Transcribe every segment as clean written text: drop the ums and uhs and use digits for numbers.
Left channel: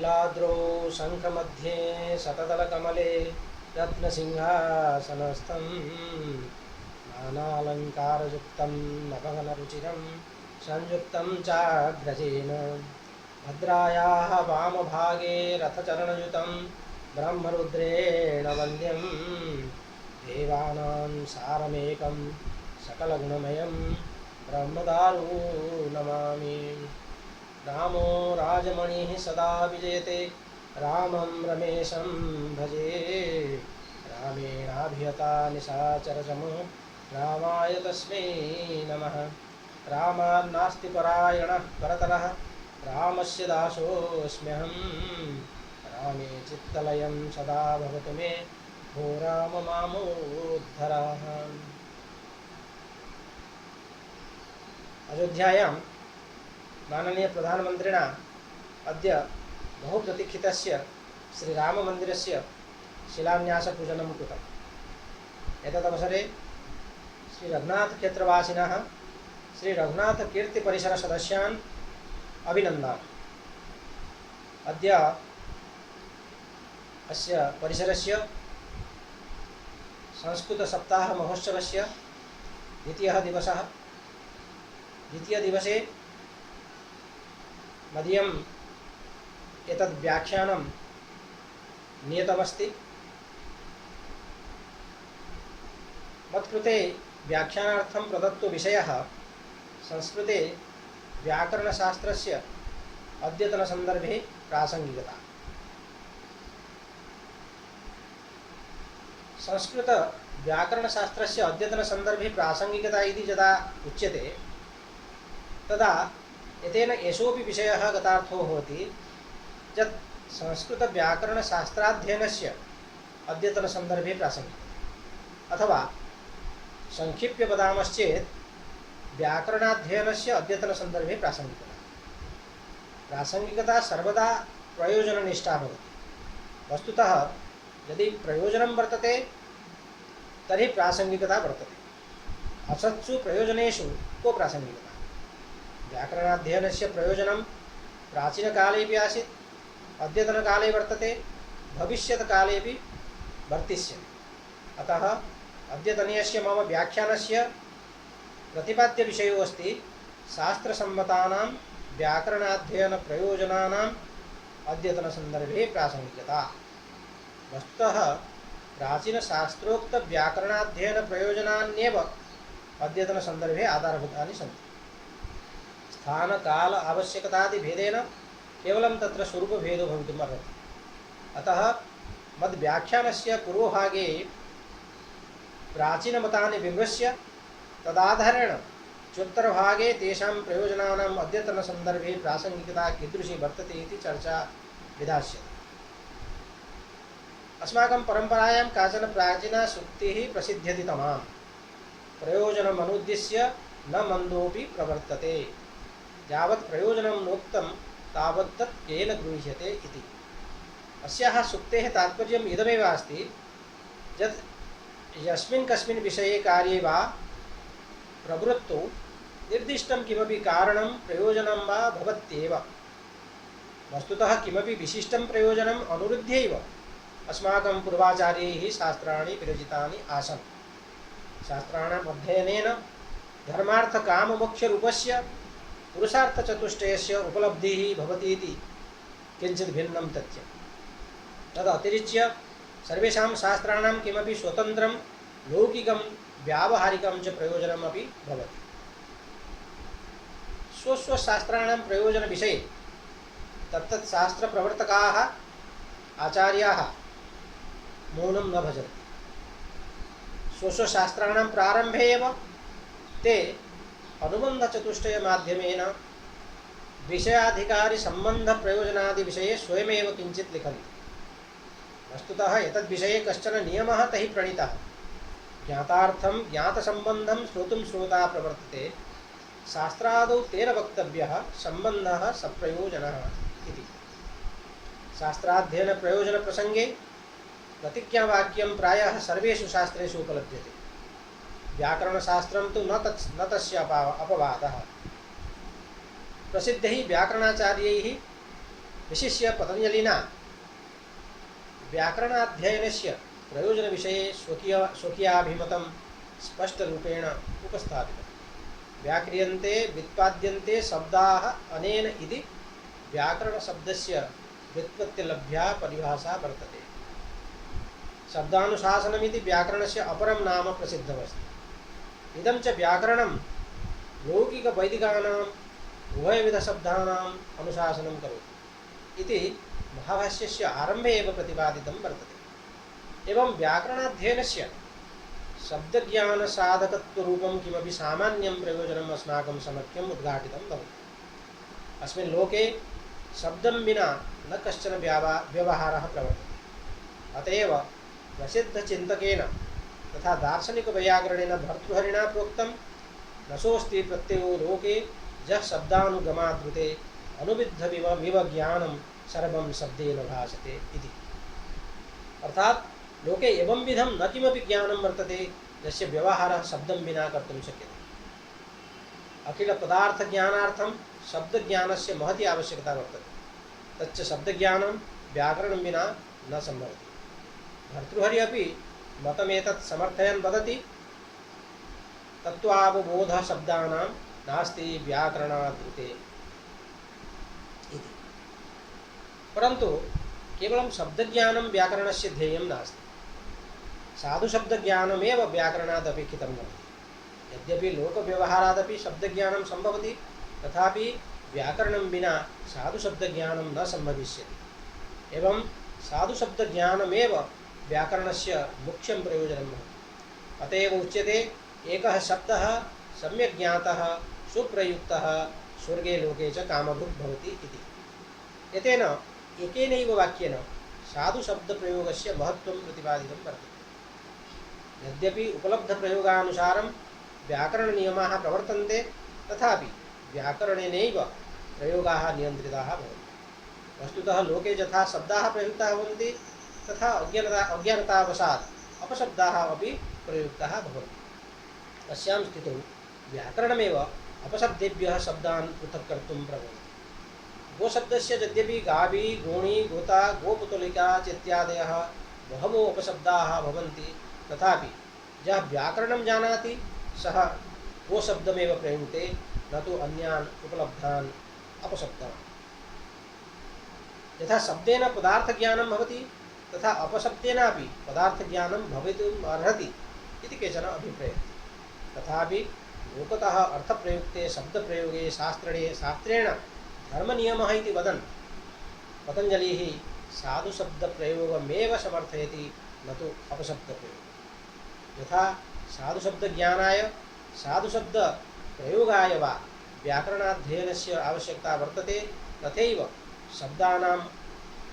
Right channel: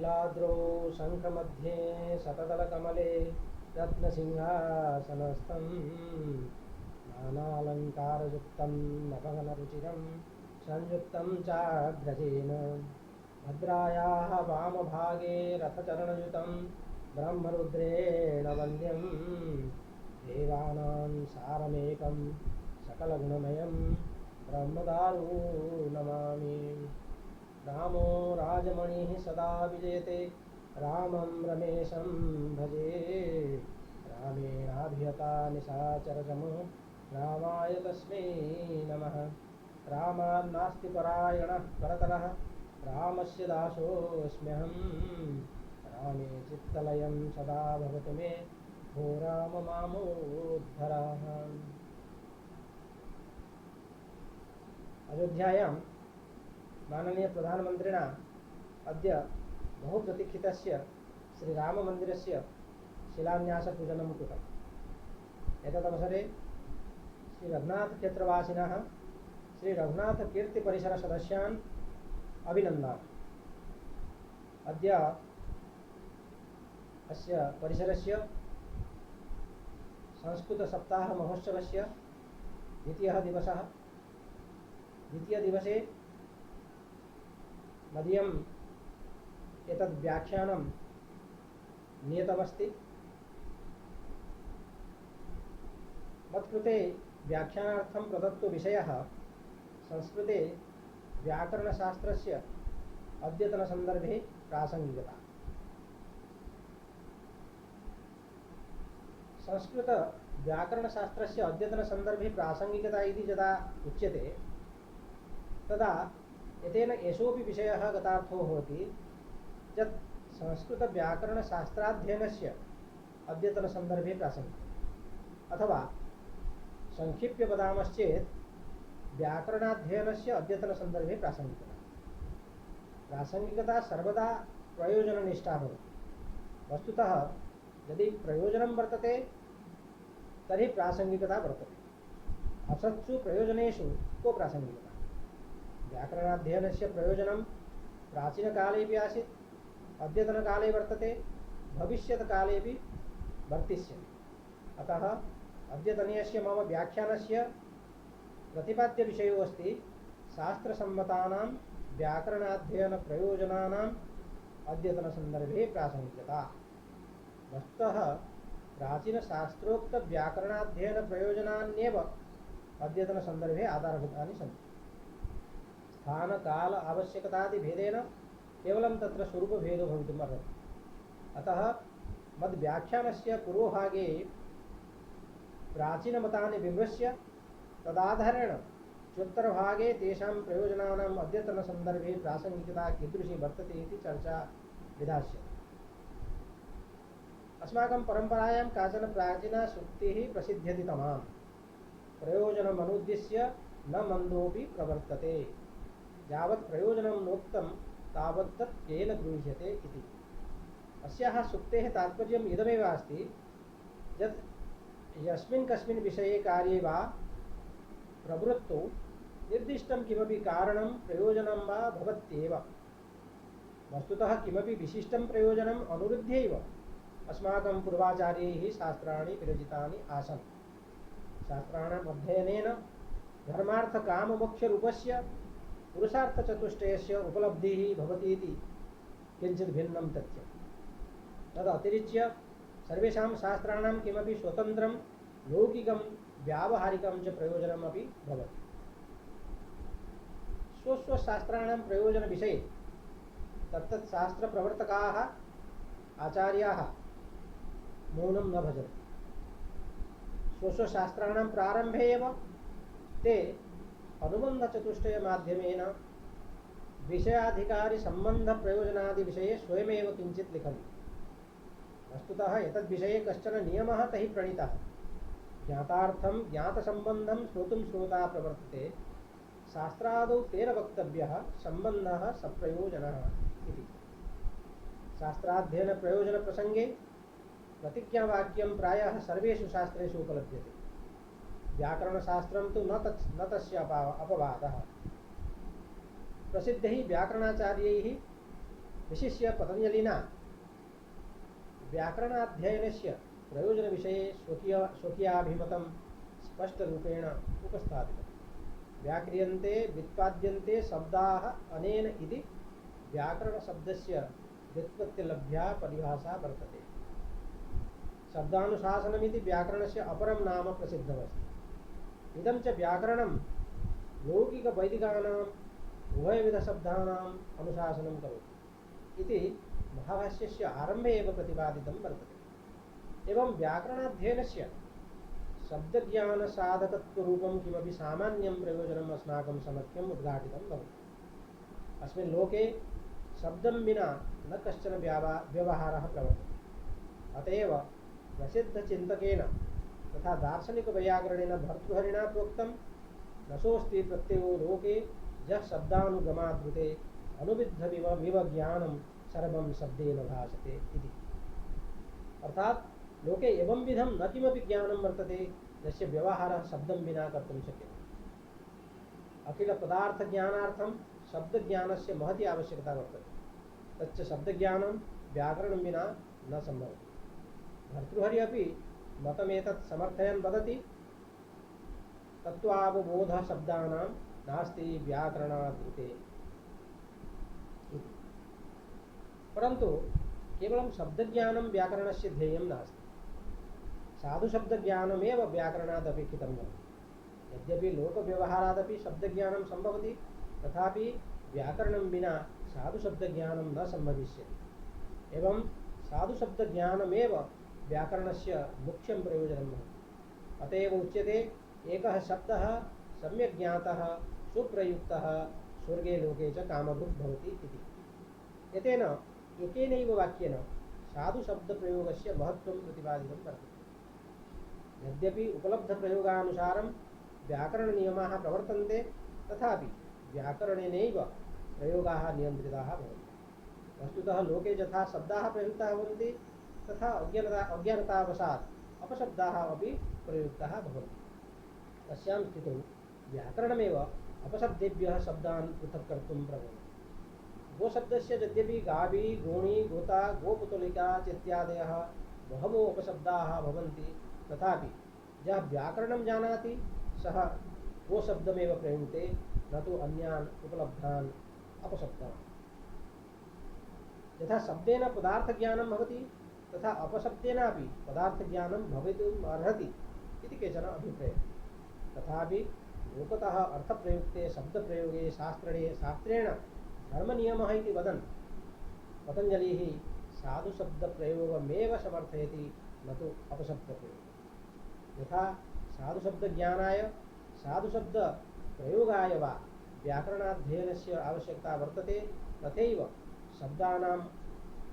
नीलाद्रौ शङ्खमध्ये शतदलकमले रत्नसिंहासनस्थं नानालङ्कारयुक्तं नवघनरुचिरं संयुक्तं चाग्रजेन भद्रायाः वामभागे रथचरणयुतं ब्रह्मरुद्रेण वन्द्यं देवानां सारमेकं सकलगुणमयं ब्रह्मदारु नमामि। रामो राजमणिः सदा विजयते रामं रमेशं भजे रामेणाभिहता निशाचरसमूह रामाय तस्मै नमः। रामान्नास्ति परायणः परतरः रामस्य दासोऽस्म्यहं रामे चित्तलयं सदा भवतु मे भो राम मामोद्धरः। अयोध्यायां माननीय प्रधानमन्त्रिणा अद्य बहुप्रतीक्षितस्य श्रीराममन्दिरस्य शिलान्यासपूजनं कृतम्। एतदवसरे श्रीरघुनाथक्षेत्रवासिनः श्रीरघुनाथकीर्तिपरिसरसदस्यान् अभिनन्दामि। अद्य अस्य परिसरस्य संस्कृतसप्ताहमहोत्सवस्य द्वितीयदिवसे मदीयम् एतद् व्याख्यानं नियतमस्ति। मत्कृते व्याख्यानार्थं प्रदत्तो विषयः संस्कृते व्याकरणशास्त्रस्य अद्यतनसन्दर्भे प्रासङ्गिकता। संस्कृतव्याकरणशास्त्रस्य अद्यतनसन्दर्भे प्रासङ्गिकता इति यदा उच्यते तदा एतेन एषोऽपि विषयः गतार्थो भवति यत् संस्कृतव्याकरणशास्त्राध्ययनस्य अद्यतनसन्दर्भे प्रासङ्गिकता, अथवा संक्षिप्य वदामश्चेत् व्याकरणाध्ययनस्य अद्यतनसन्दर्भे प्रासङ्गिकता। प्रासङ्गिकता सर्वदा प्रयोजननिष्ठा भवति। वस्तुतः यदि प्रयोजनं वर्तते तर्हि प्रासङ्गिकता वर्तते। असत्सु प्रयोजनेषु को प्रासङ्गिकता? व्याकरणाध्ययनस्य प्रयोजनं प्राचीनकालेपि आसीत्, अद्यतनकाले वर्तते, भविष्यत्कालेपि वर्तिष्यति। अतः अद्यतनीयस्य मम व्याख्यानस्य प्रतिपाद्यविषयो अस्ति शास्त्रसम्मतानां व्याकरणाध्ययनप्रयोजनानाम् अद्यतनसन्दर्भे प्रासङ्गिकता। वस्तुतः प्राचीनशास्त्रोक्तव्याकरणाध्ययनप्रयोजनान्येव अद्यतनसन्दर्भे आधारभूतानि सन्ति। स्थानकाल आवश्यकतादिभेदेन केवलं तत्र स्वरूपभेदो भवितुम् अर्हति। अतः मद्व्याख्यानस्य पूर्वभागे प्राचीनमतानि विमृश्य तदाधारेण चोत्तरभागे तेषां प्रयोजनानाम् अद्यतनसन्दर्भे प्रासङ्गिकता कीदृशी वर्तते इति चर्चा विधास्यते। अस्माकं परम्परायां काचन प्राचीना सूक्तिः प्रसिद्ध्यति तमां प्रयोजनमनुद्दिश्य न मन्दोऽपि प्रवर्तते यावत् प्रयोजनं नोक्तं तावत् तत् केन गृह्यते इति। अस्याः सूक्तेः तात्पर्यम् इदमेव अस्ति यत् यस्मिन् कस्मिन् विषये कार्ये वा प्रवृत्तौ निर्दिष्टं किमपि कारणं प्रयोजनं वा भवत्येव। वस्तुतः किमपि विशिष्टं प्रयोजनम् अनुरुध्यैव अस्माकं पूर्वाचार्यैः शास्त्राणि विरचितानि आसन्। शास्त्राणाम् अध्ययनेन धर्मार्थकाममोक्षरूपस्य पुरुषार्थचतुष्टयस्य उपलब्धिः भवति इति किञ्चित् भिन्नं तथ्यं। तदतिरिच्य सर्वेषां शास्त्राणां किमपि स्वतन्त्रं लौकिकं व्यावहारिकं च प्रयोजनमपि भवति। स्वस्वशास्त्राणां प्रयोजनविषये तत्तत् शास्त्रप्रवर्तकाः आचार्याः मौनं न भजन्ति। स्वस्वशास्त्राणां प्रारम्भे एव ते अनुबन्धचतुष्टयमाध्यमेन विषयाधिकारिसम्बन्धप्रयोजनादिविषये स्वयमेव किञ्चित् लिखन्ति। वस्तुतः एतद्विषये कश्चन नियमः तैः प्रणीतः। ज्ञातार्थं ज्ञातसम्बन्धं श्रोतुं श्रोता प्रवर्तते, शास्त्रादौ तेन वक्तव्यः सम्बन्धः सप्रयोजनः इति। शास्त्राध्ययनप्रयोजनप्रसङ्गे प्रतिज्ञावाक्यं प्रायः सर्वेषु शास्त्रेषु उपलभ्यते। व्याकरणशास्त्रं तु न तस्य अपवादः। प्रसिद्धैः व्याकरणाचार्यैः विशिष्य पतञ्जलिना व्याकरणाध्ययनस्य प्रयोजनविषये स्वकीयाभिमतं स्पष्टरूपेण उपस्थापितम्। व्याक्रियन्ते व्युत्पाद्यन्ते शब्दाः अनेन इति व्याकरणशब्दस्य व्युत्पत्तिलभ्या परिभाषा वर्तते। शब्दानुशासनमिति व्याकरणस्य अपरं नाम प्रसिद्धमस्ति। इदं च व्याकरणं लौकिकवैदिकानाम् उभयविधशब्दानाम् अनुशासनं करोति इति महाभाष्यस्य आरम्भे एव प्रतिपादितं वर्तते। एवं व्याकरणाध्ययनस्य शब्दज्ञानसाधकत्वरूपं किमपि सामान्यं प्रयोजनम् अस्माकं समक्षम् उद्घाटितं भवति। अस्मिन् लोके शब्दं विना न कश्चन व्यवहारः प्रवर्तते। अत एव प्रसिद्धचिन्तकेन तथा दार्शनिकवैयाकरणेन भर्तृहरिणा प्रोक्तं रसोऽस्ति प्रत्ययो लोके यः शब्दानुगमादृते अनुविद्धमिव ज्ञानं सर्वं शब्देन भासते इति। अर्थात लोके एवं विधं न किमपि ज्ञानं वर्तते यस्य व्यवहारः शब्दं विना कर्तुं शक्यते। अखिल पदार्थ ज्ञानार्थं शब्दज्ञानस्य महती आवश्यकता वर्तते। तच्च शब्दज्ञानं व्याकरणं विना न सम्भवति। भर्तृहरि अपि मतमेतत् समर्थयन् वदति तत्त्वावबोधः शब्दानां नास्ति व्याकरणादृते इति। परन्तु केवलं शब्दज्ञानं व्याकरणस्य ध्येयं नास्ति। साधुशब्दज्ञानमेव व्याकरणादपेक्षितं भवति। यद्यपि लोकव्यवहारादपि शब्दज्ञानं सम्भवति तथापि व्याकरणं विना साधुशब्दज्ञानं न सम्भविष्यति। एवं साधुशब्दज्ञानमेव व्याकरणस्य मुख्यं प्रयोजनं भवति। अत एव उच्यते एकः शब्दः सम्यक् ज्ञातः सुप्रयुक्तः स्वर्गे लोके च कामभुक् भवति इति। एतेन एकेनैव वाक्येन साधुशब्दप्रयोगस्य महत्त्वं प्रतिपादितं वर्तते। यद्यपि उपलब्धप्रयोगानुसारं व्याकरणनियमाः प्रवर्तन्ते तथापि व्याकरणेनैव प्रयोगाः नियन्त्रिताः भवन्ति। वस्तुतः लोके यथा शब्दाः प्रयुक्ताः भवन्ति तथा अज्ञानतावशात् अपशब्दाः अपि प्रयुक्ताः भवन्ति। अस्यां स्थितौ व्याकरणमेव अपशब्देभ्यः शब्दान् पृथक् कर्तुं प्रभवति। गोशब्दस्य यद्यपि गावी गोणी गोता गोपुतलिका चेत्यादयः बहवो अपशब्दाः भवन्ति तथापि यः व्याकरणं जानाति सः गोशब्दमेव प्रयुङ्क्ते न तु अन्यान् उपलब्धान् अपशब्दान्। यथा शब्देन पदार्थज्ञानं भवति तथा अपशब्देनापि पदार्थज्ञानं भवितुम् अर्हति इति केचन अभिप्रयन्ति। तथापि लोकतः अर्थप्रयुक्ते शब्दप्रयोगे शास्त्रेण धर्मनियमः इति वदन् पतञ्जलिः साधुशब्दप्रयोगमेव समर्थयति न तु अपशब्दप्रयोगम्। यथा साधुशब्दज्ञानाय साधुशब्दप्रयोगाय वा व्याकरणाध्ययनस्य आवश्यकता वर्तते तथैव शब्दानाम्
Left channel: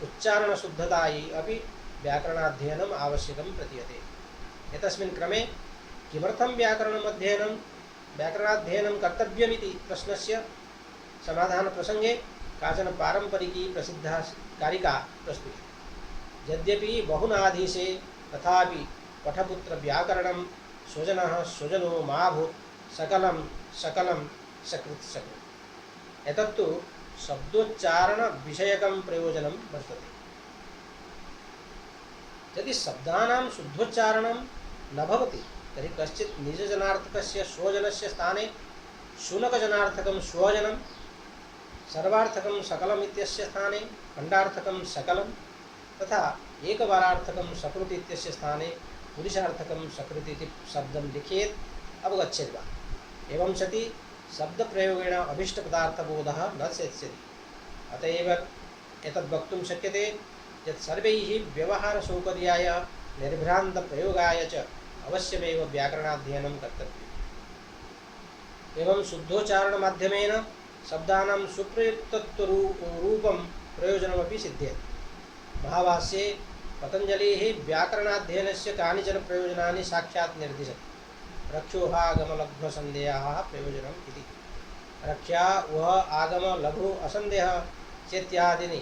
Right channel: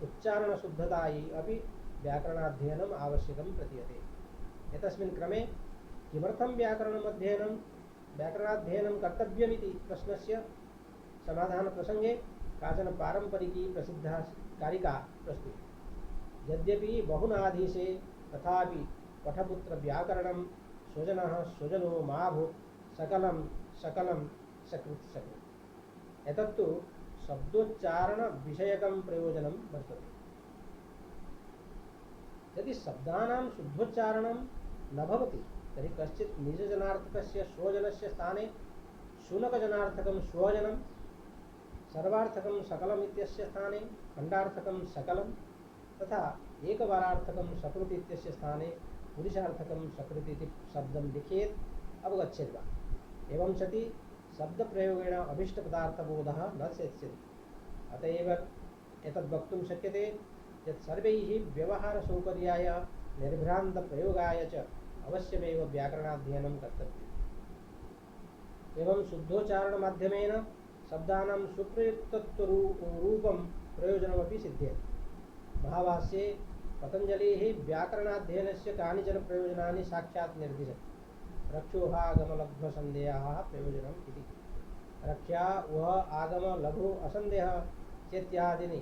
उच्चारणशुद्धतायै अपि व्याकरणाध्ययनम् आवश्यकं प्रतीयते। एतस्मिन् क्रमे किमर्थं व्याकरणाध्ययनं कर्तव्यमिति प्रश्नस्य समाधानप्रसङ्गे काचन पारम्परिकी प्रसिद्धा कारिका प्रस्तुता। यद्यपि बहुनाधीशे तथापि पठपुत्रव्याकरणं स्वजनः स्वजनो माभूत् सकलं सकलं सकृत् सकृत्। एतत्तु शब्दोच्चारणविषयकं प्रयोजनं वर्तते। यदि शब्दानां शुद्धोच्चारणं न भवति तर्हि कश्चित् निजजनार्थकस्य स्वजनस्य स्थाने शुनकजनार्थकं स्वजनं, सर्वार्थकं सकलम् इत्यस्य स्थाने खण्डार्थकं सकलं तथा एकवारार्थकं सकृत् इत्यस्य स्थाने पुरुषार्थकं सकृत् इति शब्दं लिखेत् अवगच्छेत् वा। एवं सति शब्दप्रयोगेण अभीष्टपदार्थबोधः न सेत्स्यति। अत एव एतद् वक्तुं शक्यते यत् सर्वैः व्यवहारसौकर्याय निर्भ्रान्तप्रयोगाय च अवश्यमेव व्याकरणाध्ययनं कर्तव्यम्। एवं शुद्धोच्चारणमाध्यमेन शब्दानां सुप्रयुक्तत्वरूपं प्रयोजनमपि सिद्ध्यति। महाभाष्ये पतञ्जलिः व्याकरणाध्ययनस्य कानिचन प्रयोजनानि साक्षात् निर्दिशति। रक्षोहागमलघ्वसन्देहाः प्रयोजनम् इति। रक्षा वह आगम लघु असन्देह चेत्यादीनि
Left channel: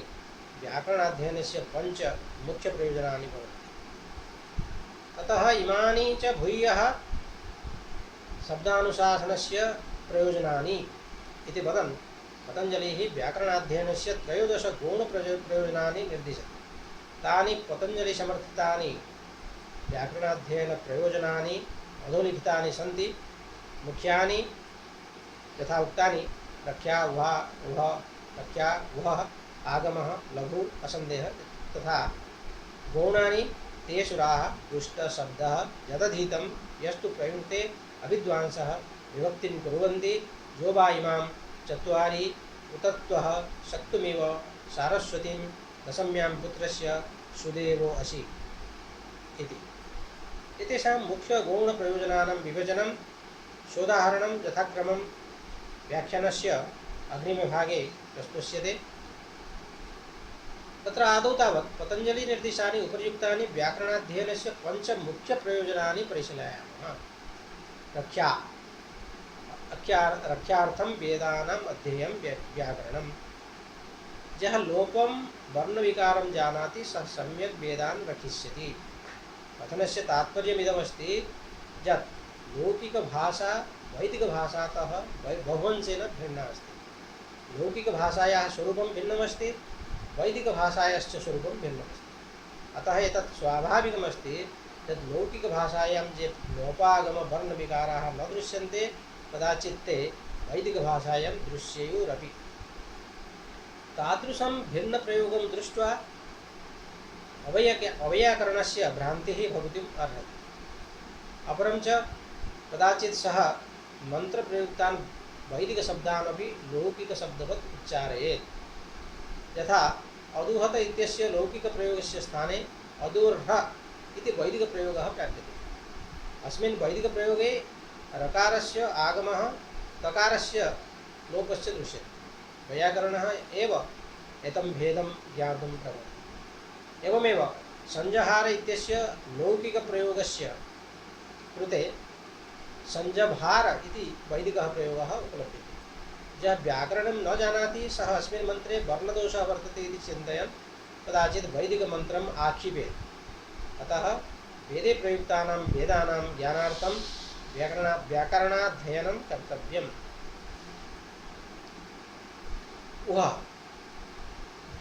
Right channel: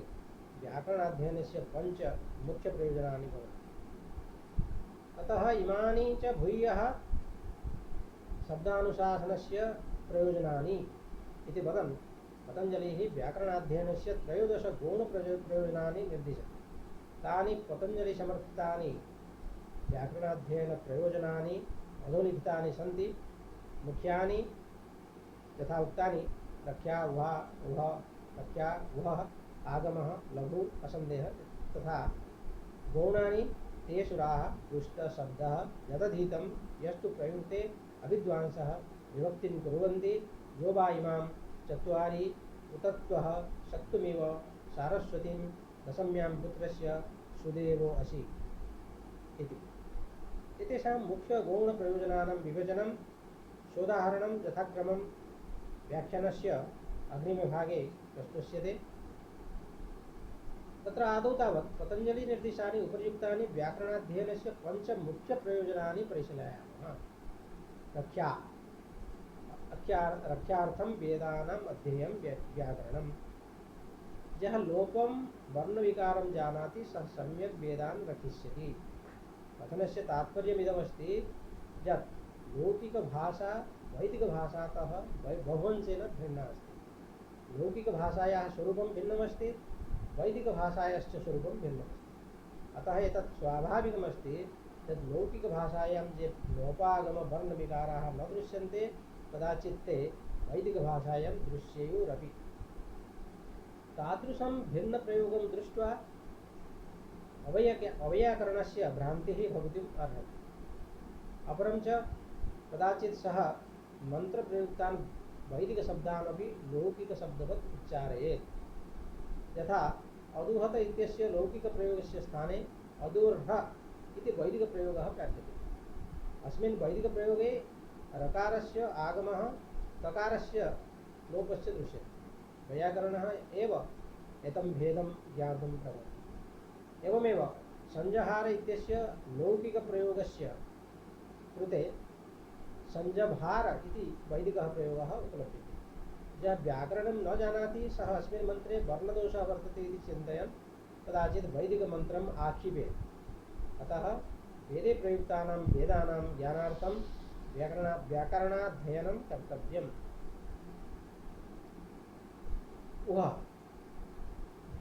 व्याकरणाध्ययनस्य पञ्च मुख्यप्रयोजनानि भवन्ति। अतः इमानि च भूयः शब्दानुशासनस्य प्रयोजनानि इति वदन् पतञ्जलिः व्याकरणाध्ययनस्य त्रयोदश गुणप्रयोजनानि निर्दिशति। तानि पतञ्जलिसमर्थितानि व्याकरणाध्ययनप्रयोजनानि अधोलिखितानि सन्ति। मुख्यानि यथा उक्तानि रक्षा उहा उह रक्षा उहः आगमः लघु असन्देहः तथा गौणानि तेषु राः दुष्टशब्दः यदधीतं यस्तु प्रयुक्ते अविद्वांसः विभक्तिं कुर्वन्ति जो वा इमां चत्वारि उतत्वः शक्तुमिव सारस्वतीं दशम्यां पुत्रस्य सुदेवो असि इति। एतेषां मुख्यगौणप्रयोजनानां विभजनं सोदाहरणं यथाक्रमं व्याख्यानस्य अग्रिमभागे प्रस्तुष्यते। तत्र आदौ तावत् पतञ्जलिनिर्दिष्टानि उपर्युक्तानि व्याकरणाध्ययनस्य पञ्चमुख्यप्रयोजनानि परिशीलयामः। रक्षार्थं वेदानाम् अध्ययनं व्याकरणं। यः लोपं वर्णविकारं जानाति सः सम्यक् वेदान् रक्षिष्यति। कथनस्य तात्पर्यमिदमस्ति यत् लौकिकभाषा वैदिकभाषातः बहुवंशेन भिन्ना अस्ति। लौकिकभाषायाः स्वरूपं भिन्नमस्ति, वैदिकभाषायाश्च स्वरूपं भिन्नमस्ति। अतः एतत् स्वाभाविकमस्ति यत् लौकिकभाषायां ये लोपागमवर्णविकाराः न दृश्यन्ते कदाचित् ते वैदिकभाषायां दृश्येयुरपि। तादृशं भिन्नप्रयोगं दृष्ट्वा अवैयाकरणस्य भ्रान्तिः भवितुम् अर्हति। अपरं च कदाचित् सः मन्त्रप्रयुक्तान् वैदिकशब्दानपि लौकिकशब्दवत् उच्चारयेत्। यथा अदुहत इत्यस्य लौकिकप्रयोगस्य स्थाने अदुर्ह इति वैदिकप्रयोगः प्राप्यते। अस्मिन् वैदिकप्रयोगे रकारस्य आगमः तकारस्य लोपस्य दृश्यते। वैयाकरणः एव एतं भेदं ज्ञातुं प्रभवति। एवमेव संजहार इत्यस्य लौकिकप्रयोगस्य कृते संजभार इति वैदिकः प्रयोगः उपलभ्यते। यः व्याकरणं न जानाति सः अस्मिन् मन्त्रे वर्णदोषः वर्तते इति चिन्तयन् कदाचित् वैदिकमन्त्रम् आक्षिपेत्। अतः वेदे प्रयुक्तानां वेदानां ज्ञानार्थं व्याकरणाध्ययनं कर्तव्यम्। उहा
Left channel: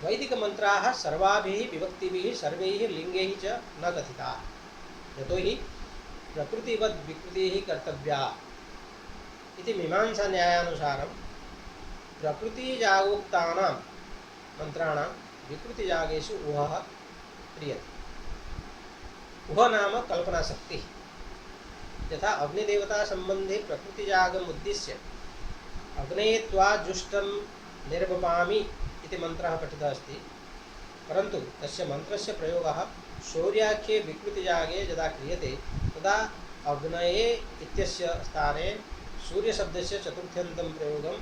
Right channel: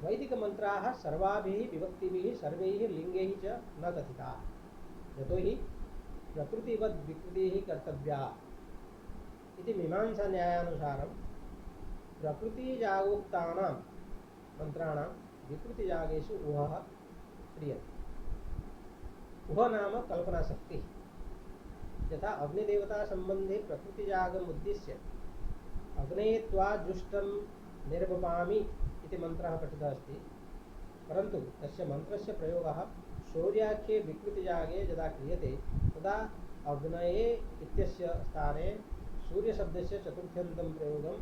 वैदिकमन्त्राः सर्वाभिः विभक्तिभिः सर्वैः लिङ्गैः च न कथिताः। यतो हि प्रकृतिवद् विकृतिः कर्तव्या इति मीमांसान्यायानुसारं प्रकृतिजागोक्तानां मन्त्राणां विकृतिजागेषु उहः क्रियते। उह नाम कल्पनाशक्तिः। यथा अग्निदेवतासम्बन्धे प्रकृतिजागमुद्दिश्य अग्नेये त्वा जुष्टं निर्वपामि इति मन्त्रः पठितः अस्ति। परन्तु तस्य मन्त्रस्य प्रयोगः शौर्याख्ये विकृतिजागे यदा क्रियते तदा अग्नये इत्यस्य स्थाने सूर्यशब्दस्य चतुर्थ्यन्तं प्रयोगं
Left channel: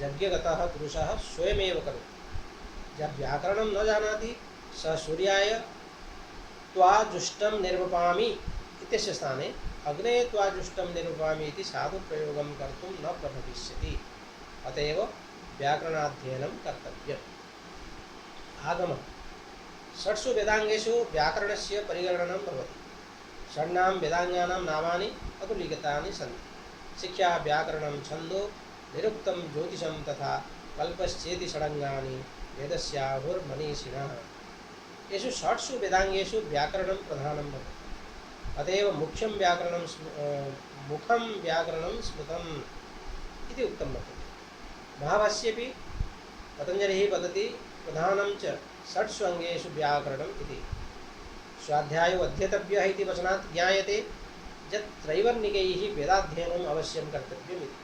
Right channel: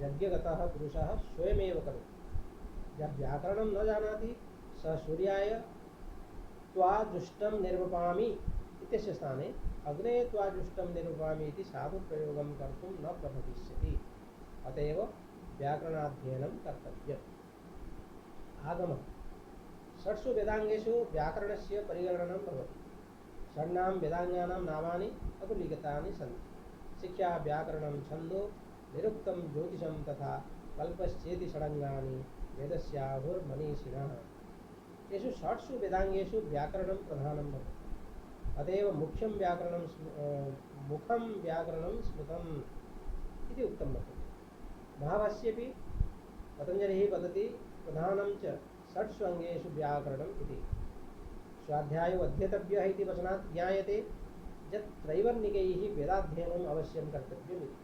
यज्ञगतः पुरुषः स्वयमेव करोति। यः व्याकरणं न जानाति सः सूर्याय त्वा जुष्टं निर्वपामि इत्यस्य स्थाने अग्नये त्वा जुष्टं निर्वपामि इति साधुप्रयोगं कर्तुं न प्रभविष्यति। अत एव व्याकरणाध्ययनं कर्तव्यम्। आगमः षट्सु वेदांगेषु व्याकरणस्य परिगणनं भवति। षण्णां वेदांगानां नामानि अधुलिखितानि सन्ति। शिक्षा व्याकरणं छन्दो निरुक्तं ज्योतिषं तथा कल्पश्चेति षडङ्गानि वेदस्याहुर्मनीषिणः। येषु षट्सु वेदांगेषु व्याकरणं प्रधानं भवति। अतएव मुख्यं व्याकरणं स्मृतम् इति उक्तं वर्तते। महाभाष्येऽपि पतञ्जलिः वदति प्रधानं च षट्सु अङ्गेषु व्याकरणम् इति। स्वाध्यायो अध्येतव्यः इति वचनात् ज्ञायते यत् त्रैवर्णिकैः वेदाध्ययनम् अवश्यं कर्तव्यमिति।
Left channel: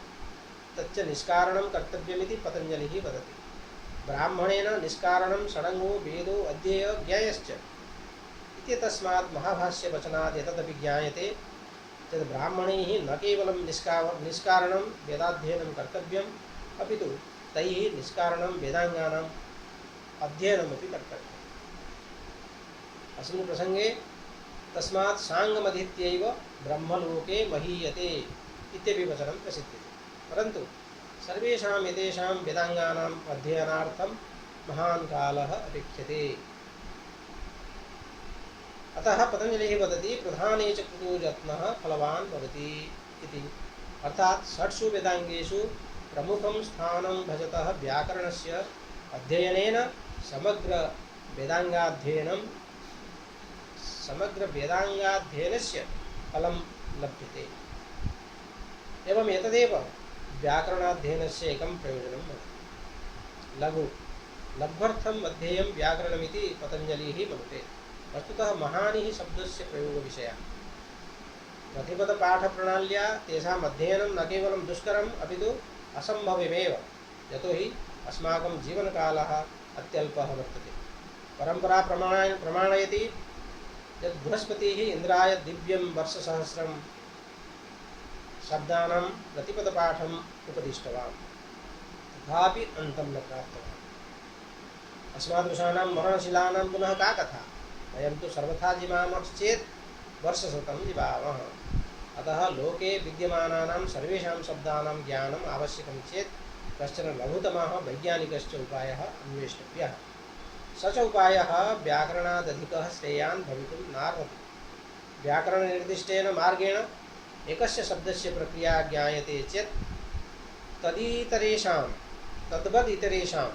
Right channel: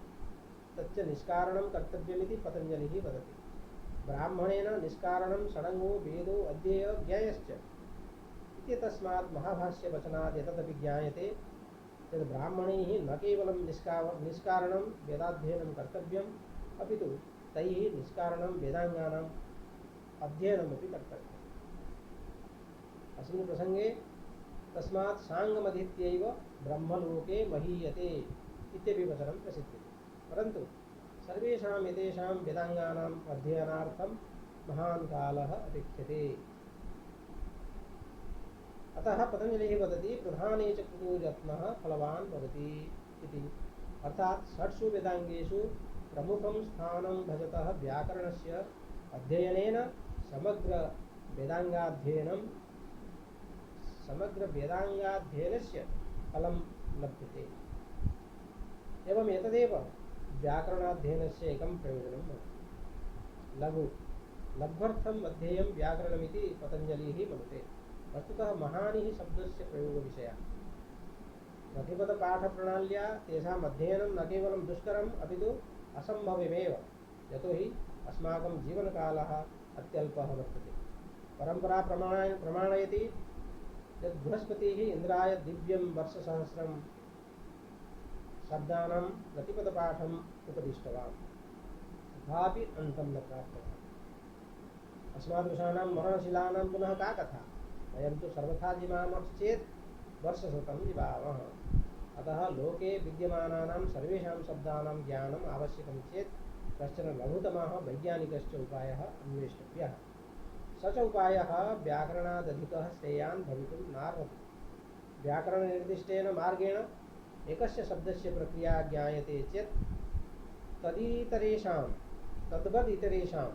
तच्च निष्कारणं कर्तव्यमिति पतञ्जलिः वदति। ब्राह्मणेन निष्कारणं षडङ्गो वेदो अध्येय ज्ञेयश्च इत्यतस्मात् महाभाष्यवचनात् एतदपि ज्ञायते यत् ब्राह्मणैः न केवलं निष्कारणं वेदाध्ययनं कर्तव्यम् अपितु तैः निष्कारणं वेदाङ्गानाम् अध्ययनमपि कर्तव्यम्। अस्मिन् प्रसङ्गे तस्मात् साङ्गमधीत्यैव ब्रह्मलोके महीयते इत्यपि वचनं प्रसिद्ध्यते। परन्तु सर्वेषाम् एतेषां वेदाङ्गानाम् अध्ययनार्थं महान् कालः अपेक्ष्यते। अतः पतञ्जलिः वदति प्रधाने च कृतो यत्नः फलवान् भवति इति। अर्थात् षट्सु वेदाङ्गेषु प्रमुखं स्थानं भजतः व्याकरणस्य अध्ययनेन समग्र वेदांगाध्ययनस्य फलं लभ्यते। एवं एतदेव व्याकरणाध्ययनस्य एकं प्रयोजनं भवति। लघ्वर्थम् अध्येयं व्याकरणमिति पतञ्जलिः मनुते। वस्तुतः महानिः शब्दस्य प्रयोगविषयः। प्रतिपदपाठप्रणाल्या तेषाम् अध्ययनं न केवलं दुष्करम् अपितु असम्भवमेव, यतोहि अस्माकं जीवनकालः अत्यल्पः वर्तते। परम्परा प्रमाणयति यत् बृहस्पतिः इन्द्राय दिव्यं वर्षसहस्रं शब्दानां प्रतिपदपाठम् उपदिष्टवान्, तथापि अन्तं न प्राप्तवान्। अस्मादृशानां मरणशिलानां पुनः का कथा? वयं तु सर्वथा जीवामश्चेत् वर्षशतं जीवामः। अतः लोके विद्यमानानां सर्वेषां शब्दानां ज्ञानम् आवश्यकं चेत् कश्चन लघुतमः वैज्ञानिकश्च उपायः अन्वेष्टव्यः। स च उपायः व्याकरणादधिकः श्रेयान् भवितुं नार्हति। व्याकरणनिर्दिष्टेन मार्गेण एकस्य शब्दस्य प्रक्रिया ज्ञायते चेत् तद्वदितरेषां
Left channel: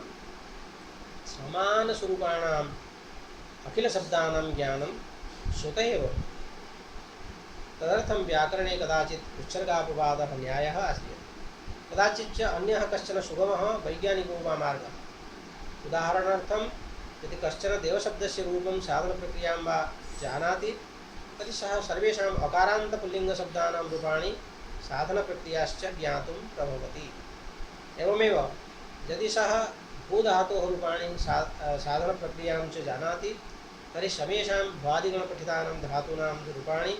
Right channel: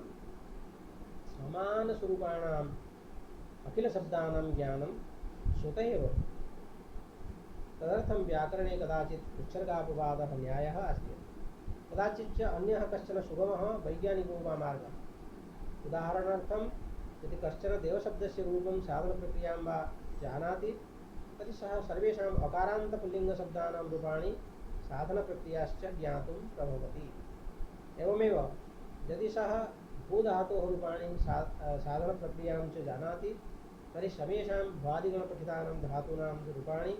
समानस्वरूपाणाम् अखिलशब्दानां ज्ञानं स्वतः एव। तदर्थं व्याकरणे कदाचित् उत्सर्गापवादः न्यायः अस्ति, कदाचिच्च अन्यः कश्चन सुगमः वैज्ञानिको वा मार्गः। उदाहरणार्थं यदि कश्चन देवशब्दस्य रूपं साधनप्रक्रियां वा जानाति तर्हि सः सर्वेषाम् अकारान्तपुल्लिङ्गशब्दानां रूपाणि साधनप्रक्रियाश्च ज्ञातुं प्रभवति। एवमेव यदि सः भूधातोः रूपाणि साधनप्रक्रियां च जानाति तर्हि समेषां भ्वादिगणपठितानां धातूनां रूपाणि